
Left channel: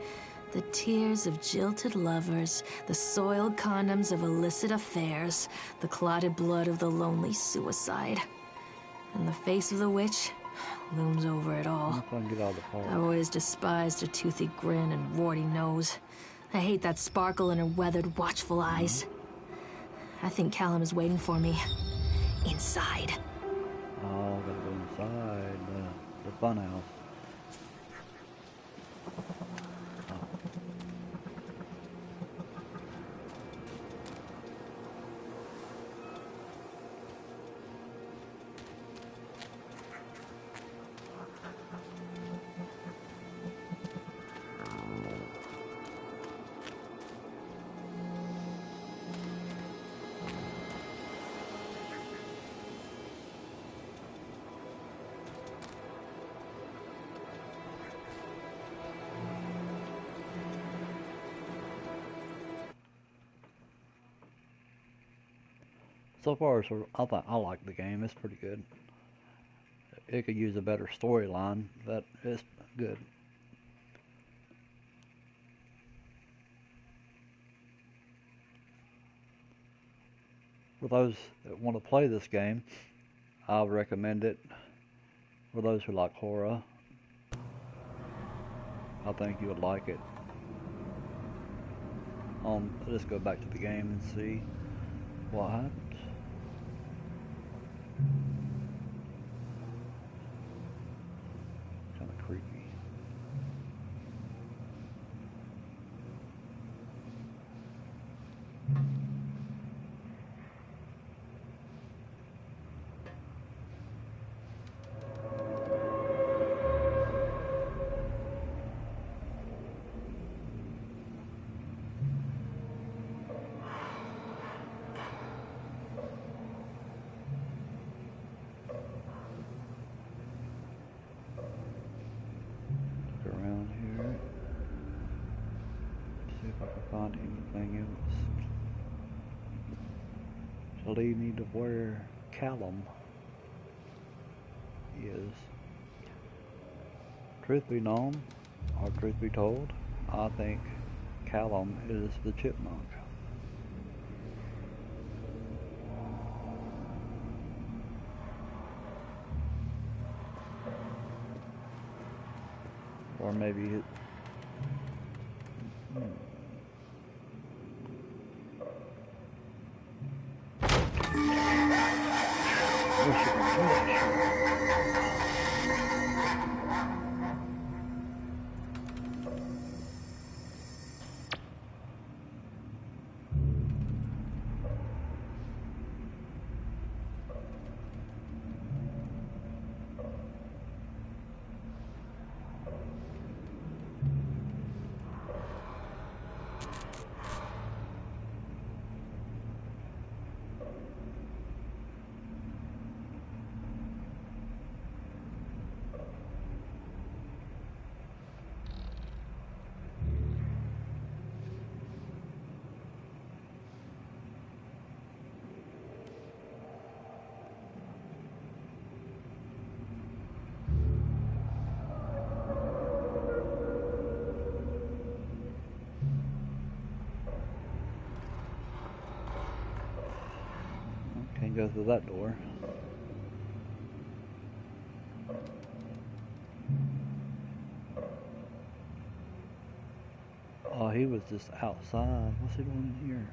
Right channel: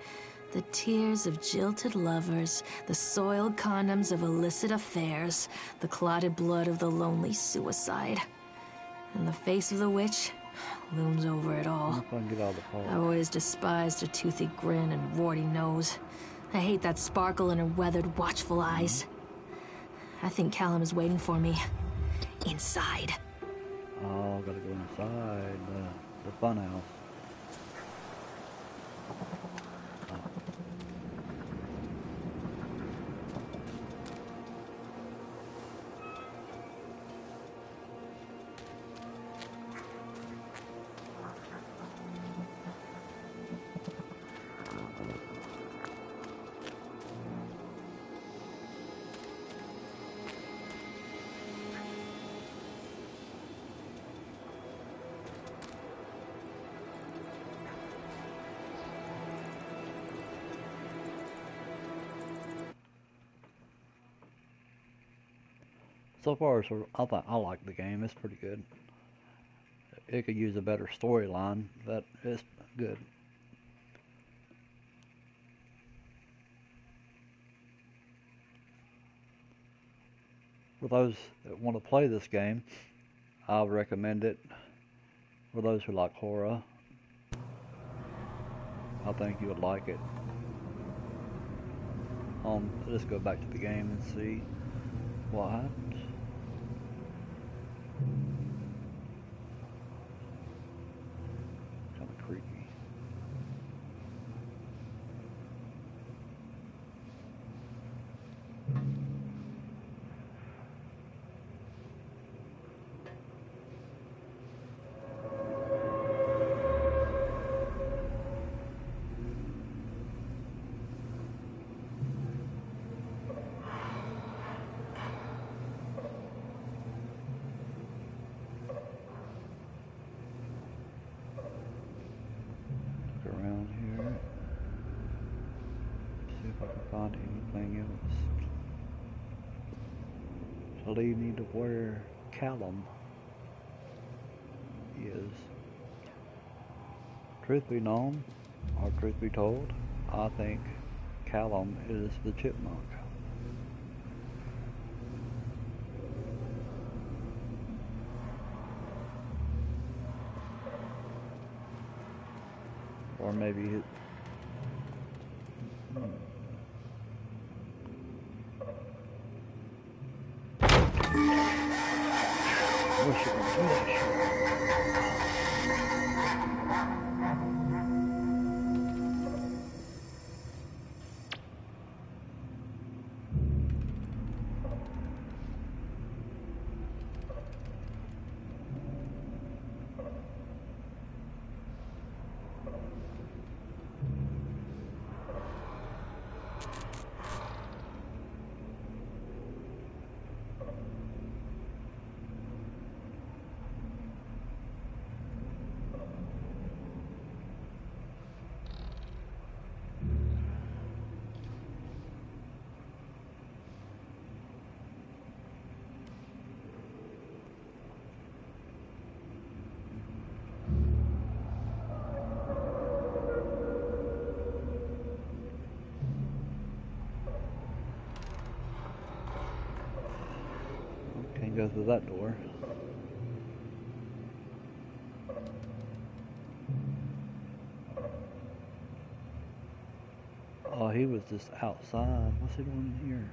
The tears of jilted lovers, the soiled condoms of illicit affairs, the clotted blood of the lonely suicide. And the face of the witch looms over it all. If I can get out of the park. I've always despised her toothy grin and warty nose. I hate that sparkle in her weathered, watchful eyes. I think Callum is waiting for me. Inside. Oh, gotta go inside the fun house. So far, I like the game. It's pretty good. It could use a better storyline, but it's good. For those that want to play this game, I would recommend it. For those who like horror, I think you would like it. Let's go back to the game and see what happens. Kind of creepy. Around here, see if I can find anything else to lead me to where Callum is. Truth be known, or truth be told, I think Callum is the chipmunk. Or maybe it, can't go through that door. Oh, he was just outside. What's he doing in here?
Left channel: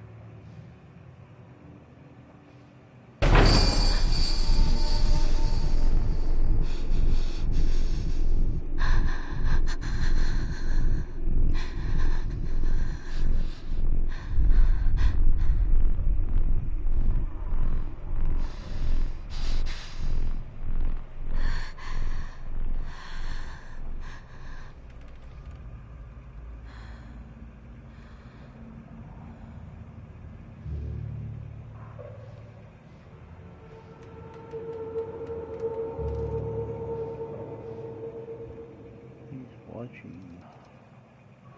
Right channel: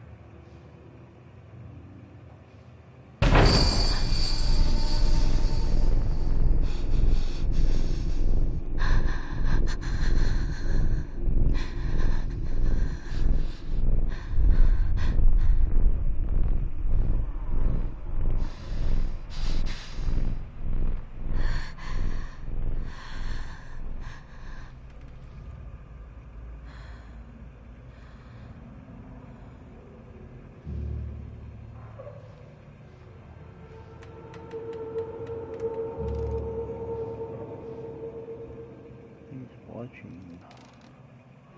Watching.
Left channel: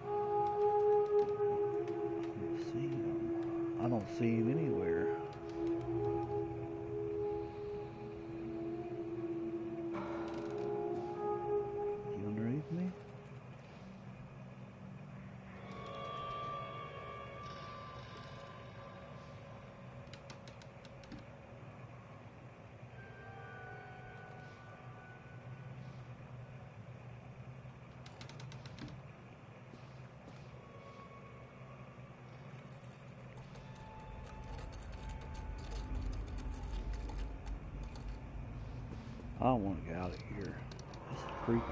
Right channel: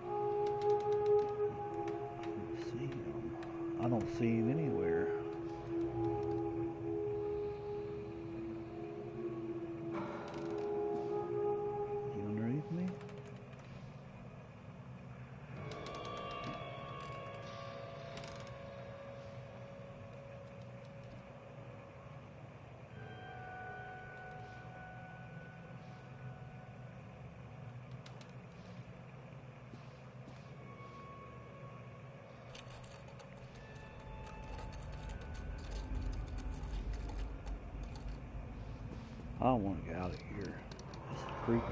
I don't see him. I don't see him anywhere. Is he underneath me? I don't want to get out of here. This is creepy.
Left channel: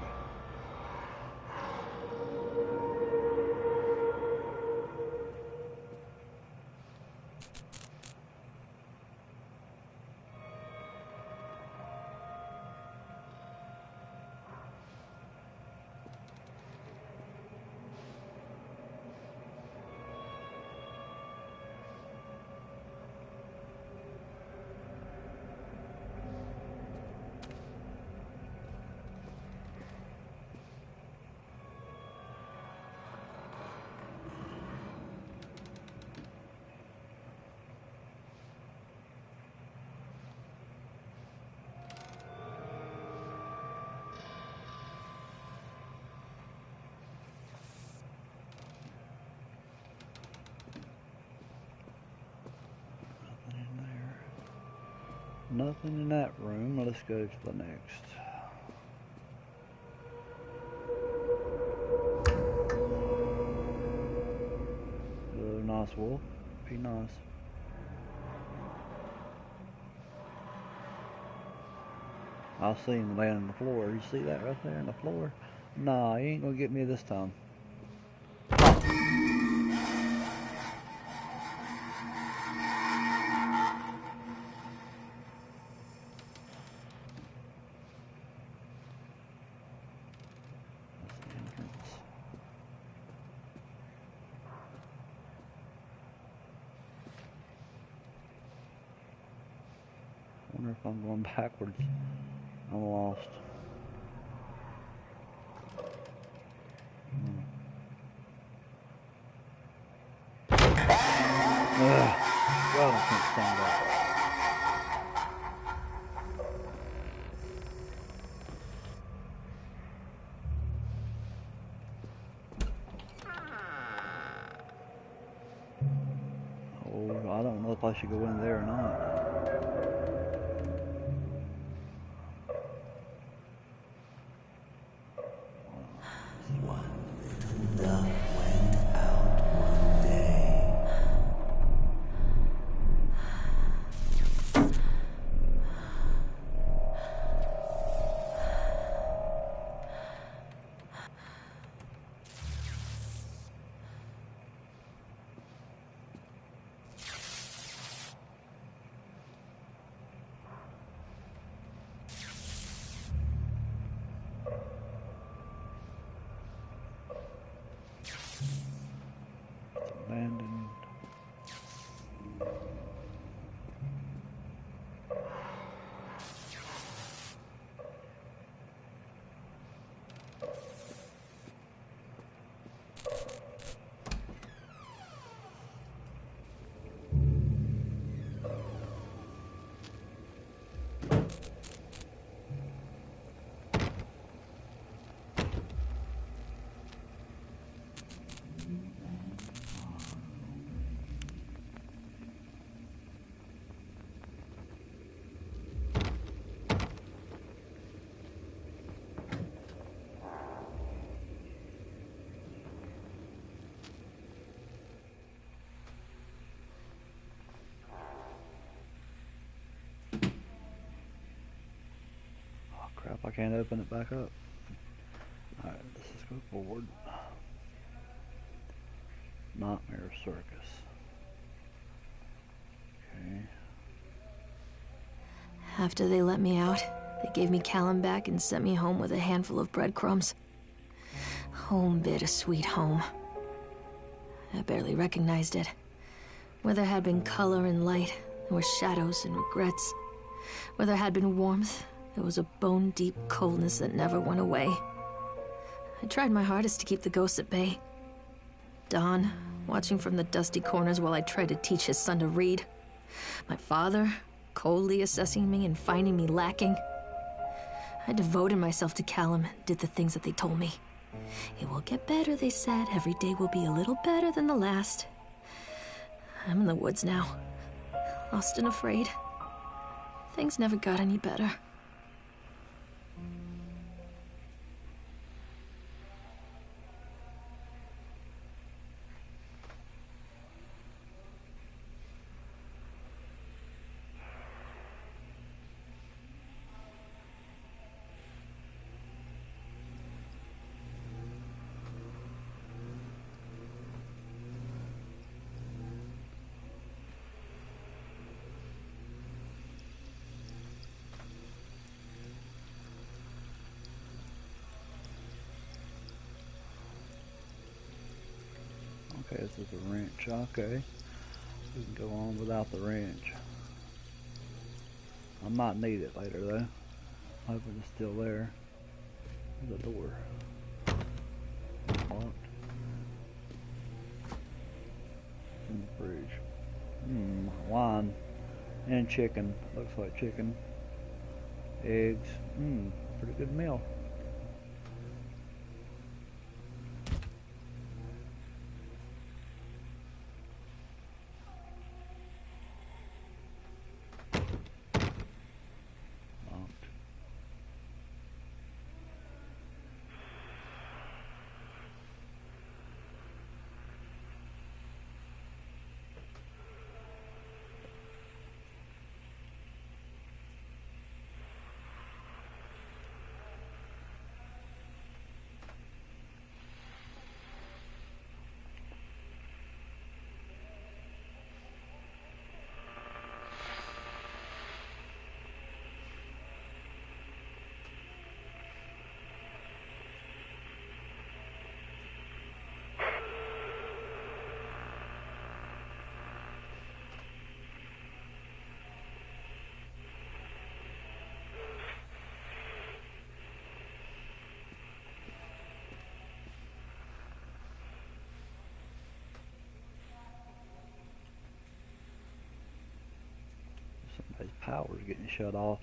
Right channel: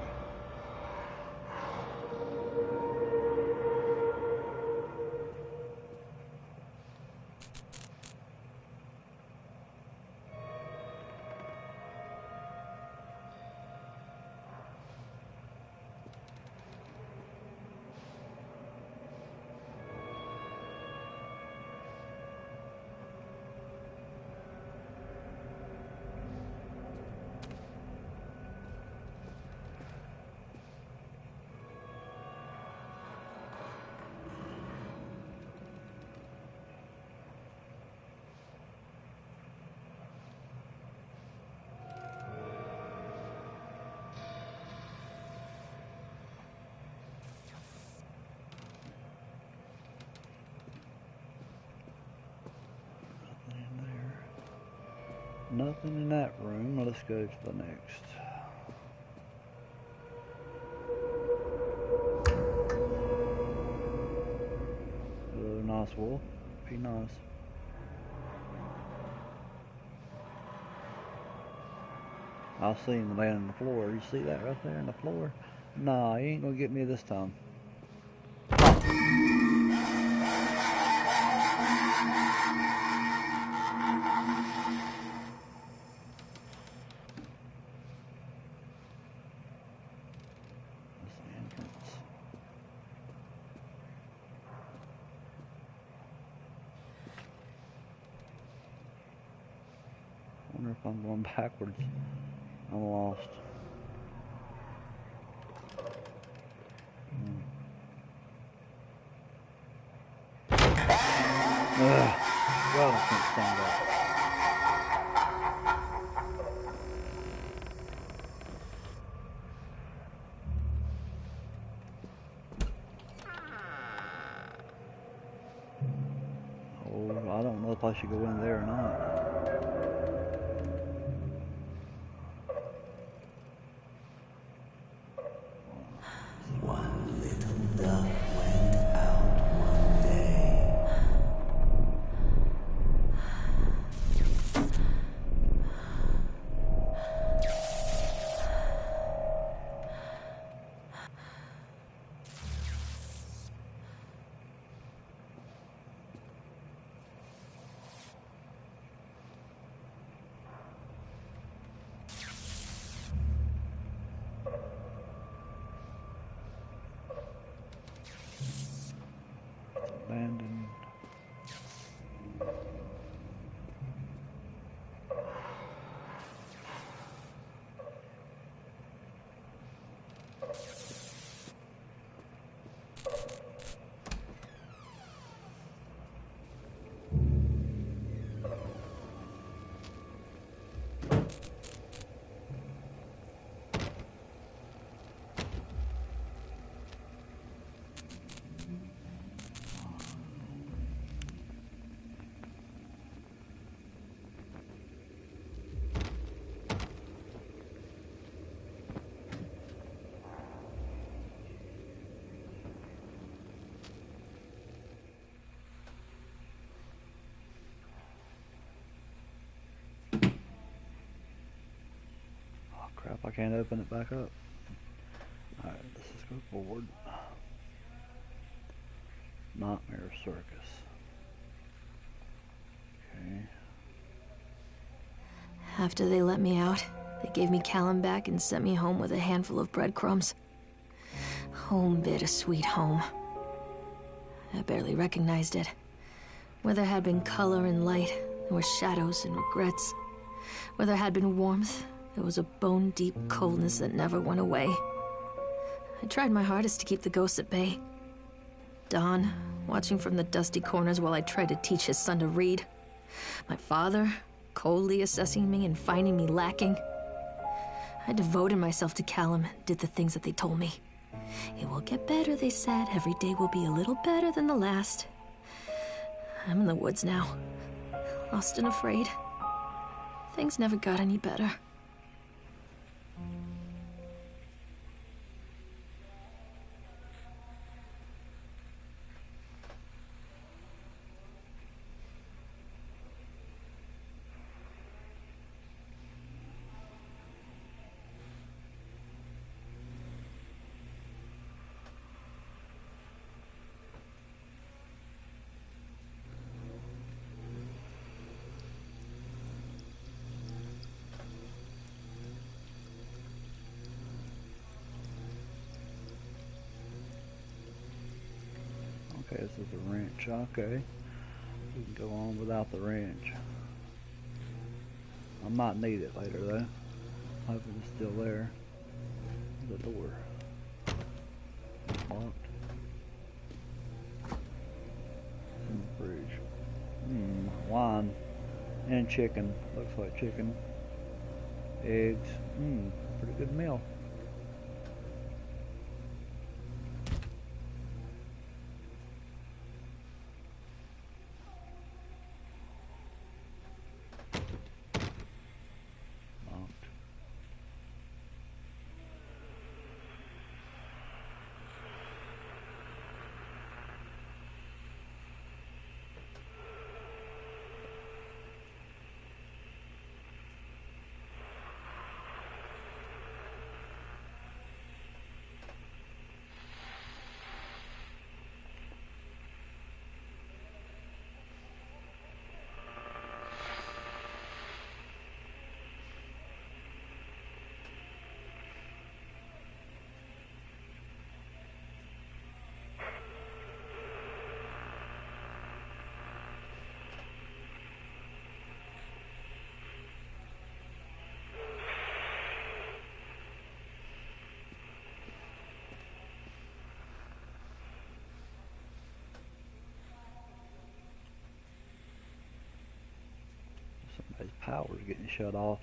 Nothing in that room. Let's go to the next. Hello, nice wolf. Be nice. I see him laying on the floor. You see that right there on the floor? Nah, he ain't gonna get me this time. I wonder if I'm going backwards. I'm lost. Ugh. God, I can't stand that. Oh, I don't know if I should go in there or not. Crap, I can't open it back up. Alright, let's just go forward. Nightmare Circus. Okay. After they let me out, they gave me Callum back and sent me home with a handful of breadcrumbs. Home, bittersweet home. I barely recognized it. Where there had been color and light, there were shadows and regrets. Where there had been warmth, there was a bone-deep coldness that never went away. I tried my hardest to keep the ghosts at bay. Don, watching from the dusty corners while I tried to teach his son to read. My father, coldly assessing me and finding me lacking. I devoted myself to Callum and did the things that they told me. It will get better, they said. Every day will be a little better than the last. I'm in the woods now, lost and afraid. Things never got any better. Okay, this is a wrench. Okay. We can go on without the wrench. I might need it later though. Hoping it's still there. The door. Locked. It's in the fridge. Wine. And chicken. Looks like chicken. Eggs. Pretty good meal. Somebody's power's getting shut off.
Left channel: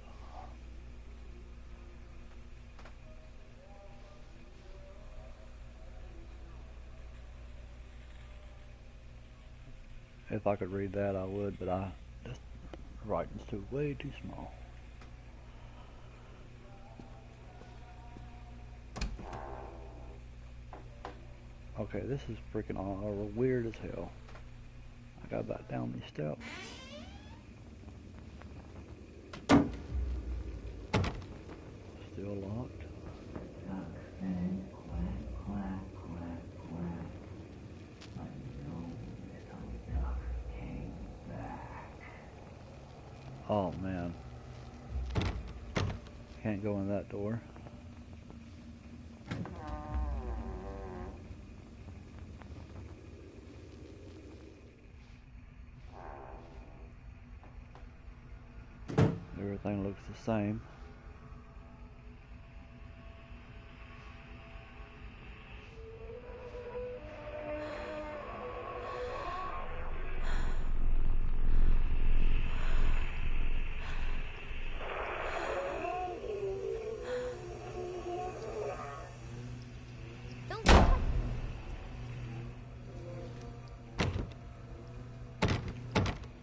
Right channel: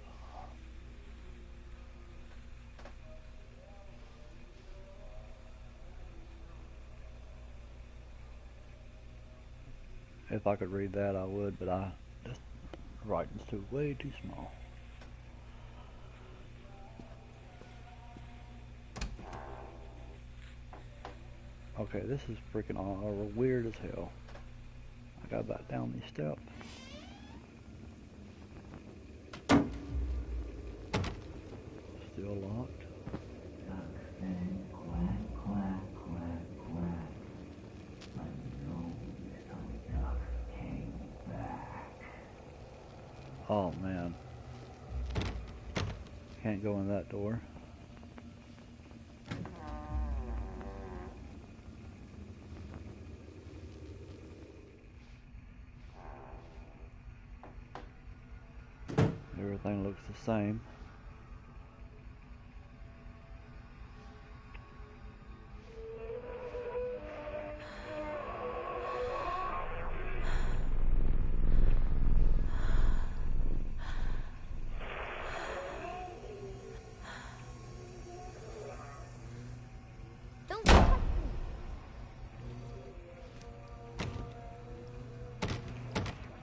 If I could read that, I would, but the writing's way too small. Okay, this is freaking weird as hell. I got back down these steps. Still locked. Oh man. Can't go in that door. Everything looks the same.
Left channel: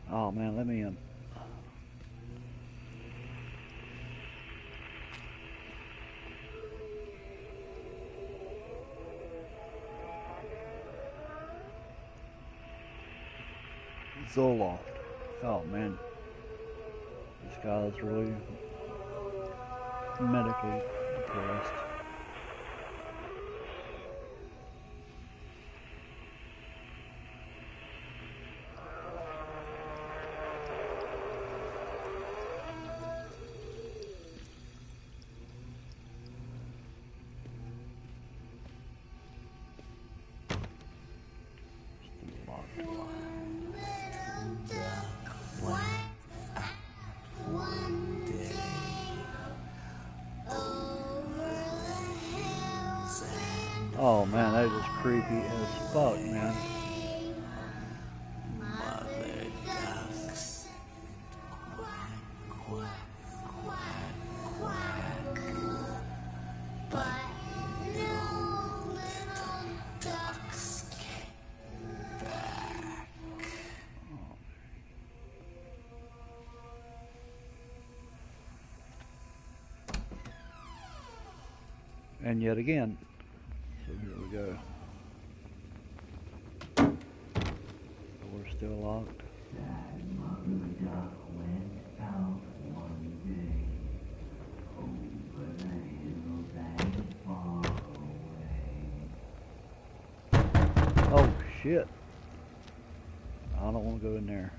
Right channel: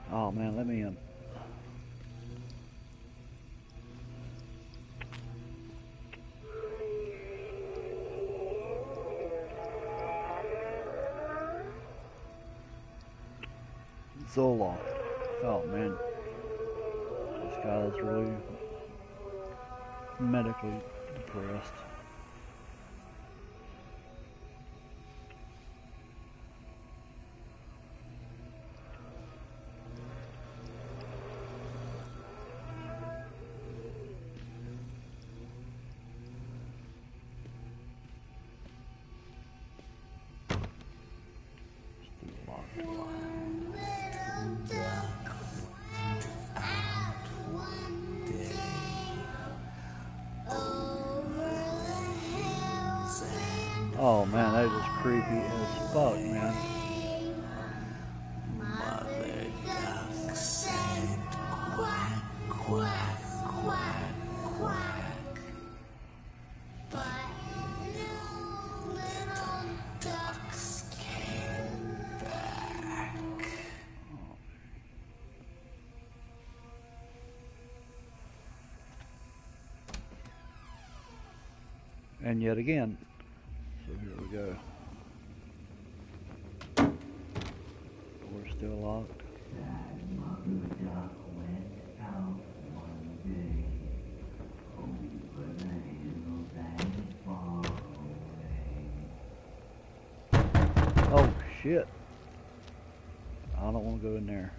Oh man, let me in. Zoloft. Oh man, this guy's really medically depressed. Oh man, that is just creepy as fuck, man. Mother duck said quack, quack, quack, quack. But no little ducks came back. And yet again. So here we go. Door's still locked. That mother duck went out one day over the hills and far away. Oh shit. I don't want to go in there.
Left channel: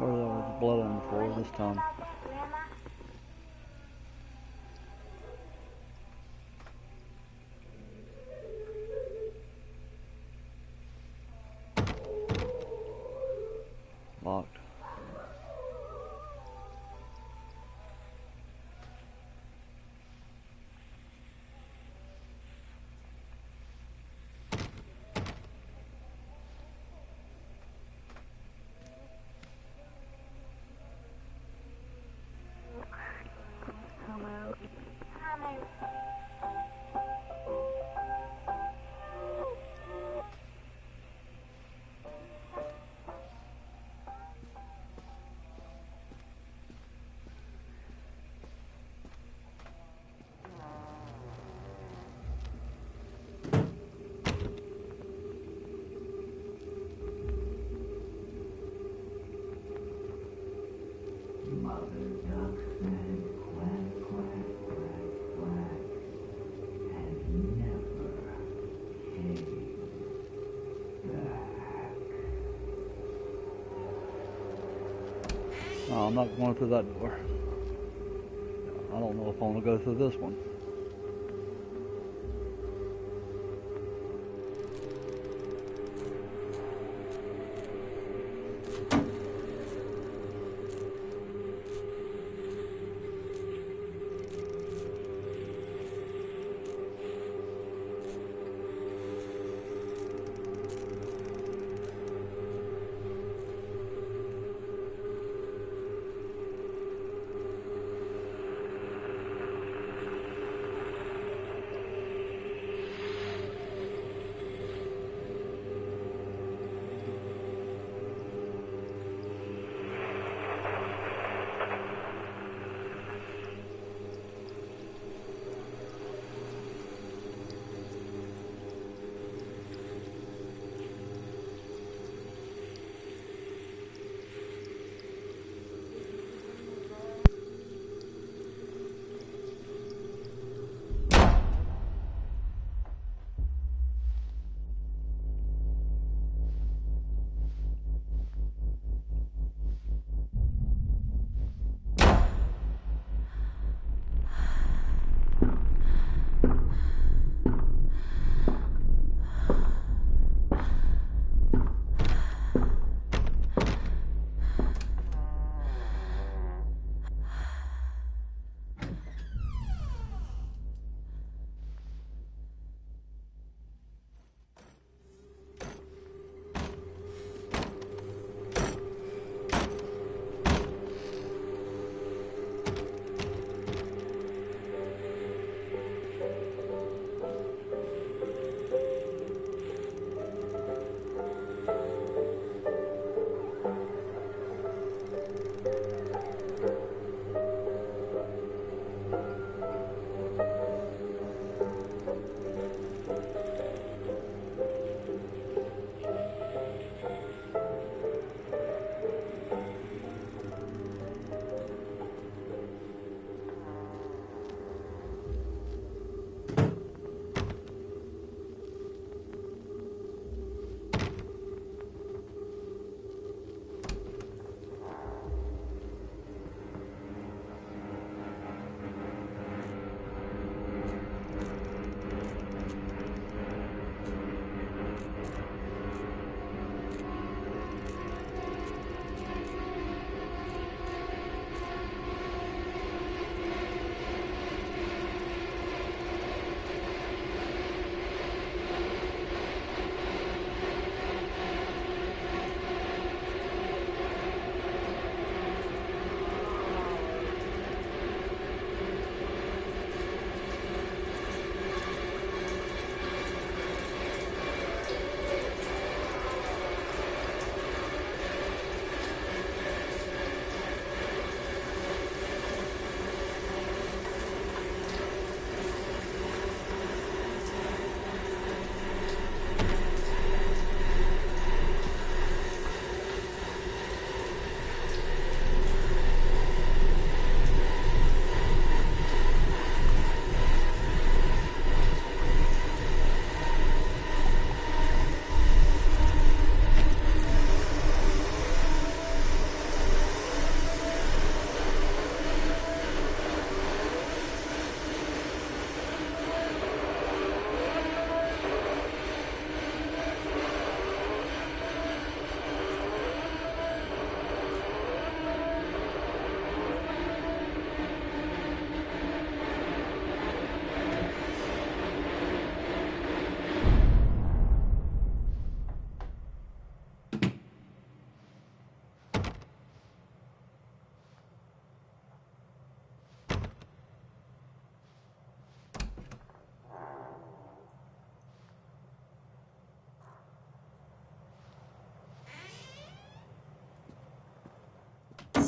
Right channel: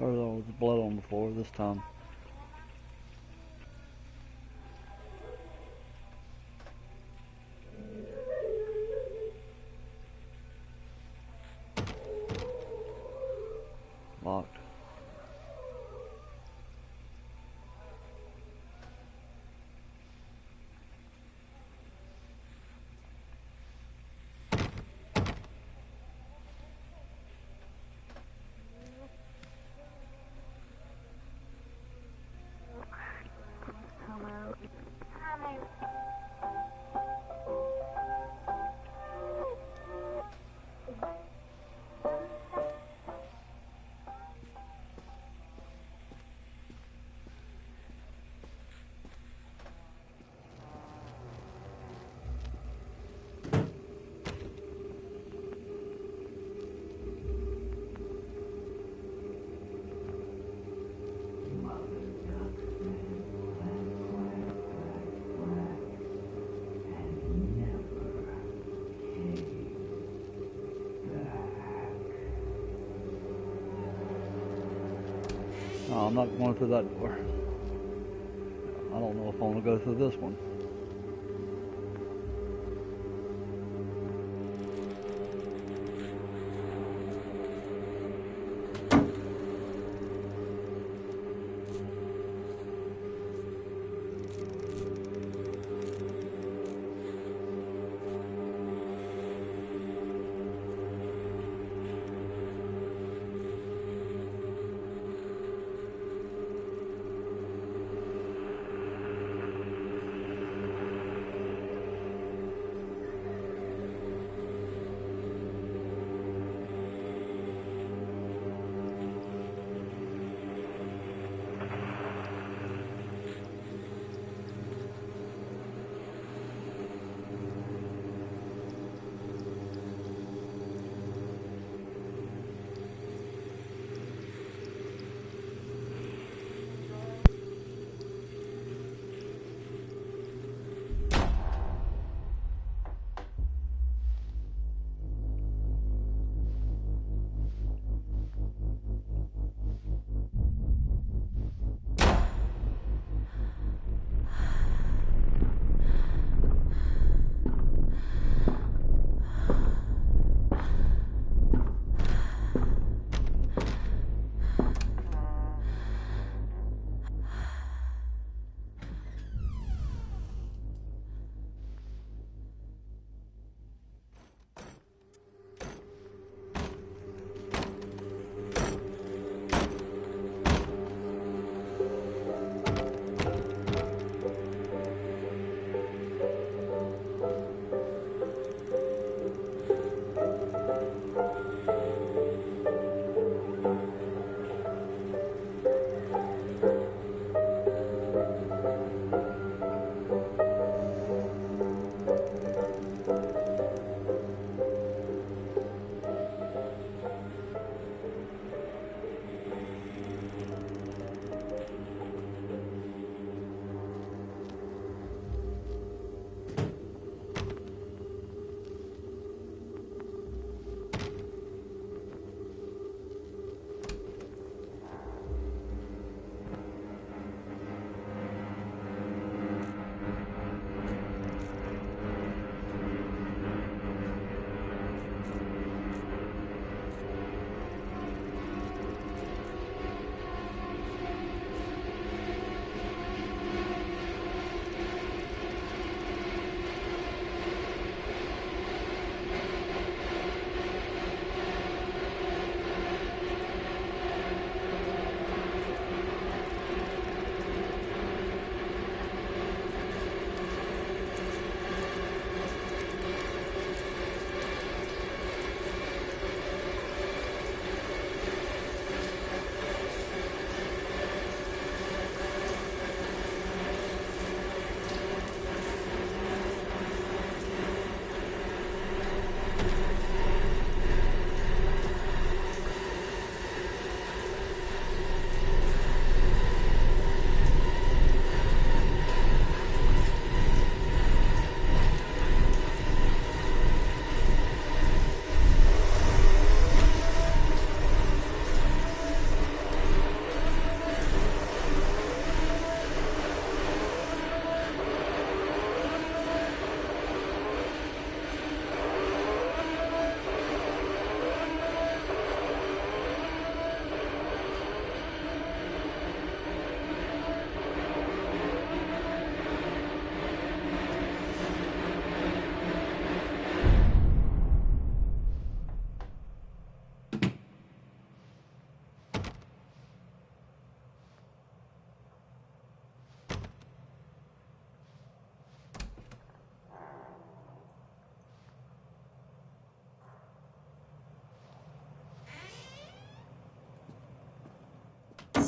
Or there was blood on the floor this time. Locked. No, I'm not going through that door. I don't know if I want to go through this one.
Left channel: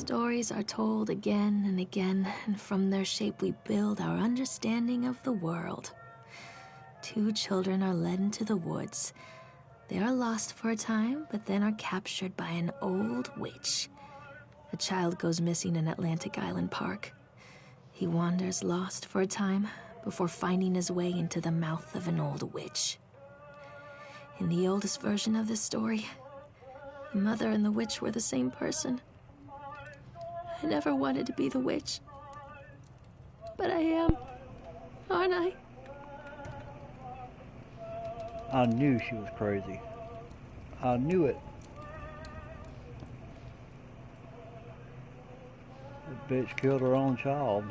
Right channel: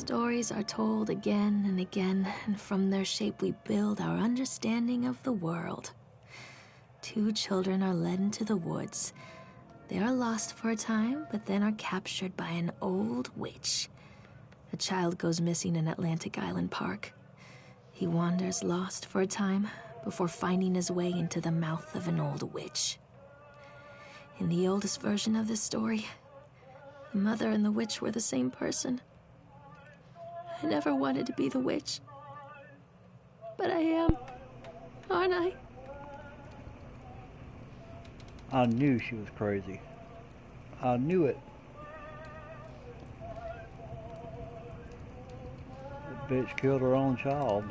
stories are told again and again, and from their shape we build our understanding of the world. Two children are led into the woods. They are lost for a time, but then are captured by an old witch. A child goes missing in Atlantic Island Park. He wanders lost for a time before finding his way into the mouth of an old witch. In the oldest version of this story, the mother and the witch were the same person. I never wanted to be the witch, but I am, aren't I? I knew she was crazy. I knew it. That bitch killed her own child.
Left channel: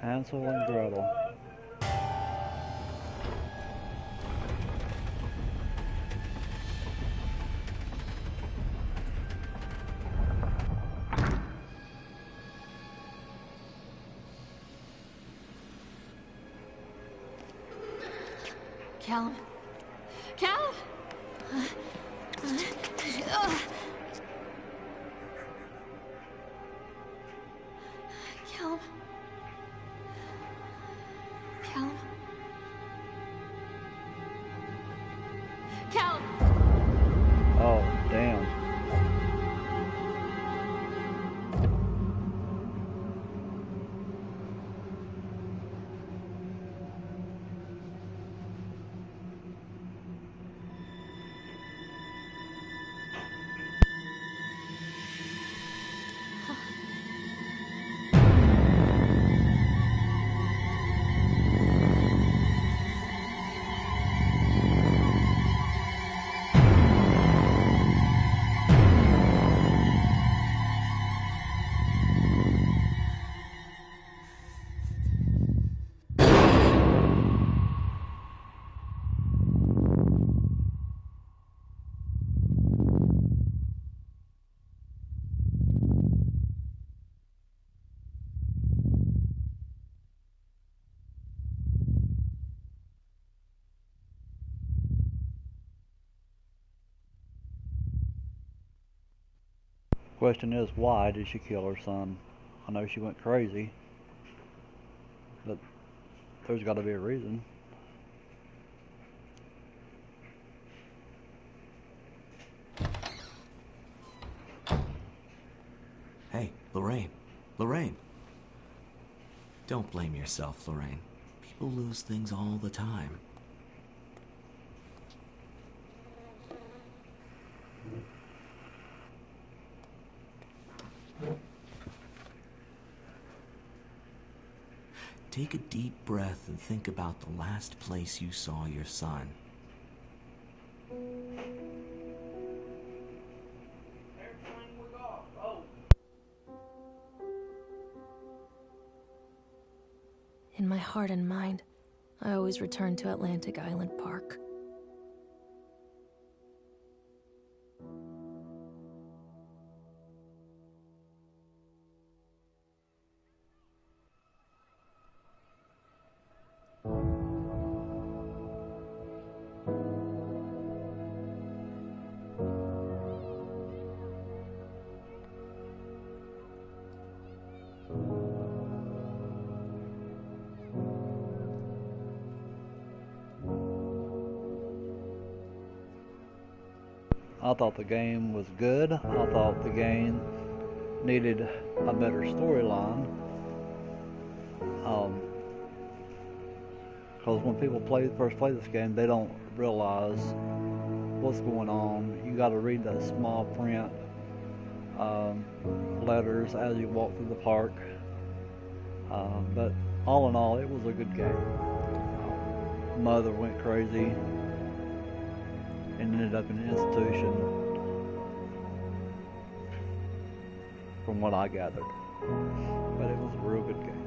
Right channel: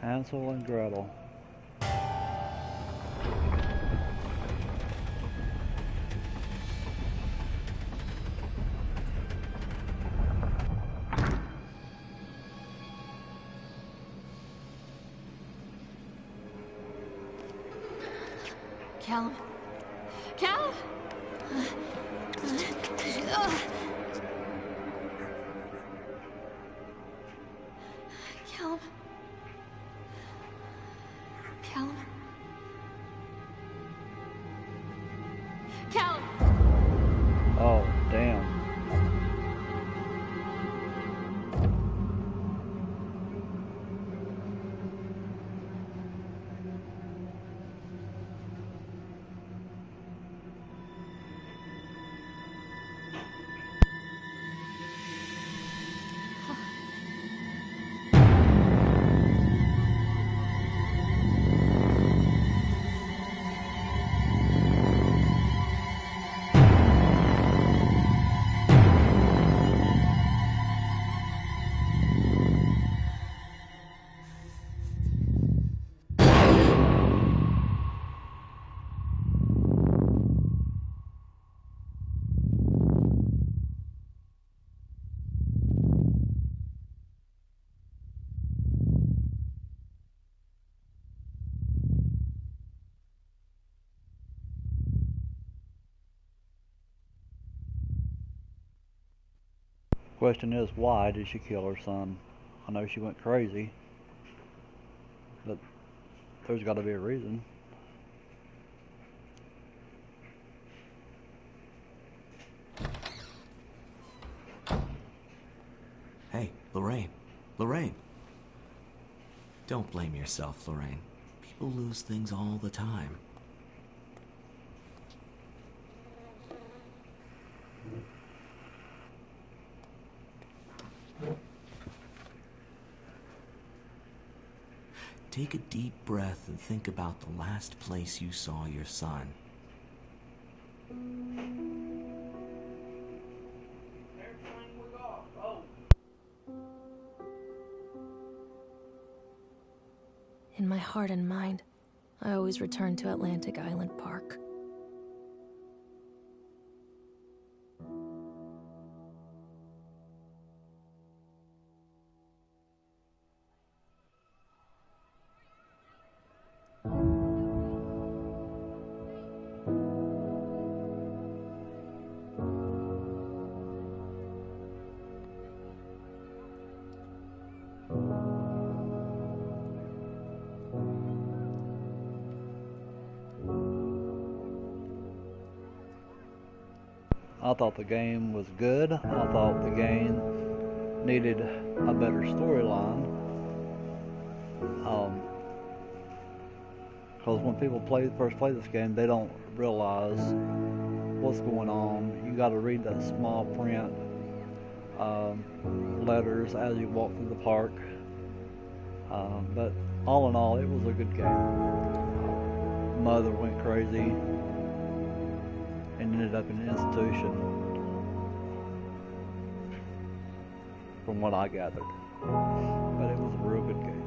Hansel and Gretel. Callum? Callum? Callum? Callum? Callum! Oh, damn. Question is, why did she kill her son? I know she went crazy, but there's got to be a reason. Hey, Lorraine. Lorraine. Don't blame yourself, Lorraine. People lose things all the time. Take a deep breath and think about the last place you saw your son. In my heart and mind, I always return to Atlantic Island Park. I thought the game was good. I thought the game needed a better storyline. Because when people first play this game, they don't realize what's going on. You got to read that small print letters as you walk through the park. But all in all, it was a good game. Mother went crazy and ended up in an institution, from what I gathered. But it was a real good game.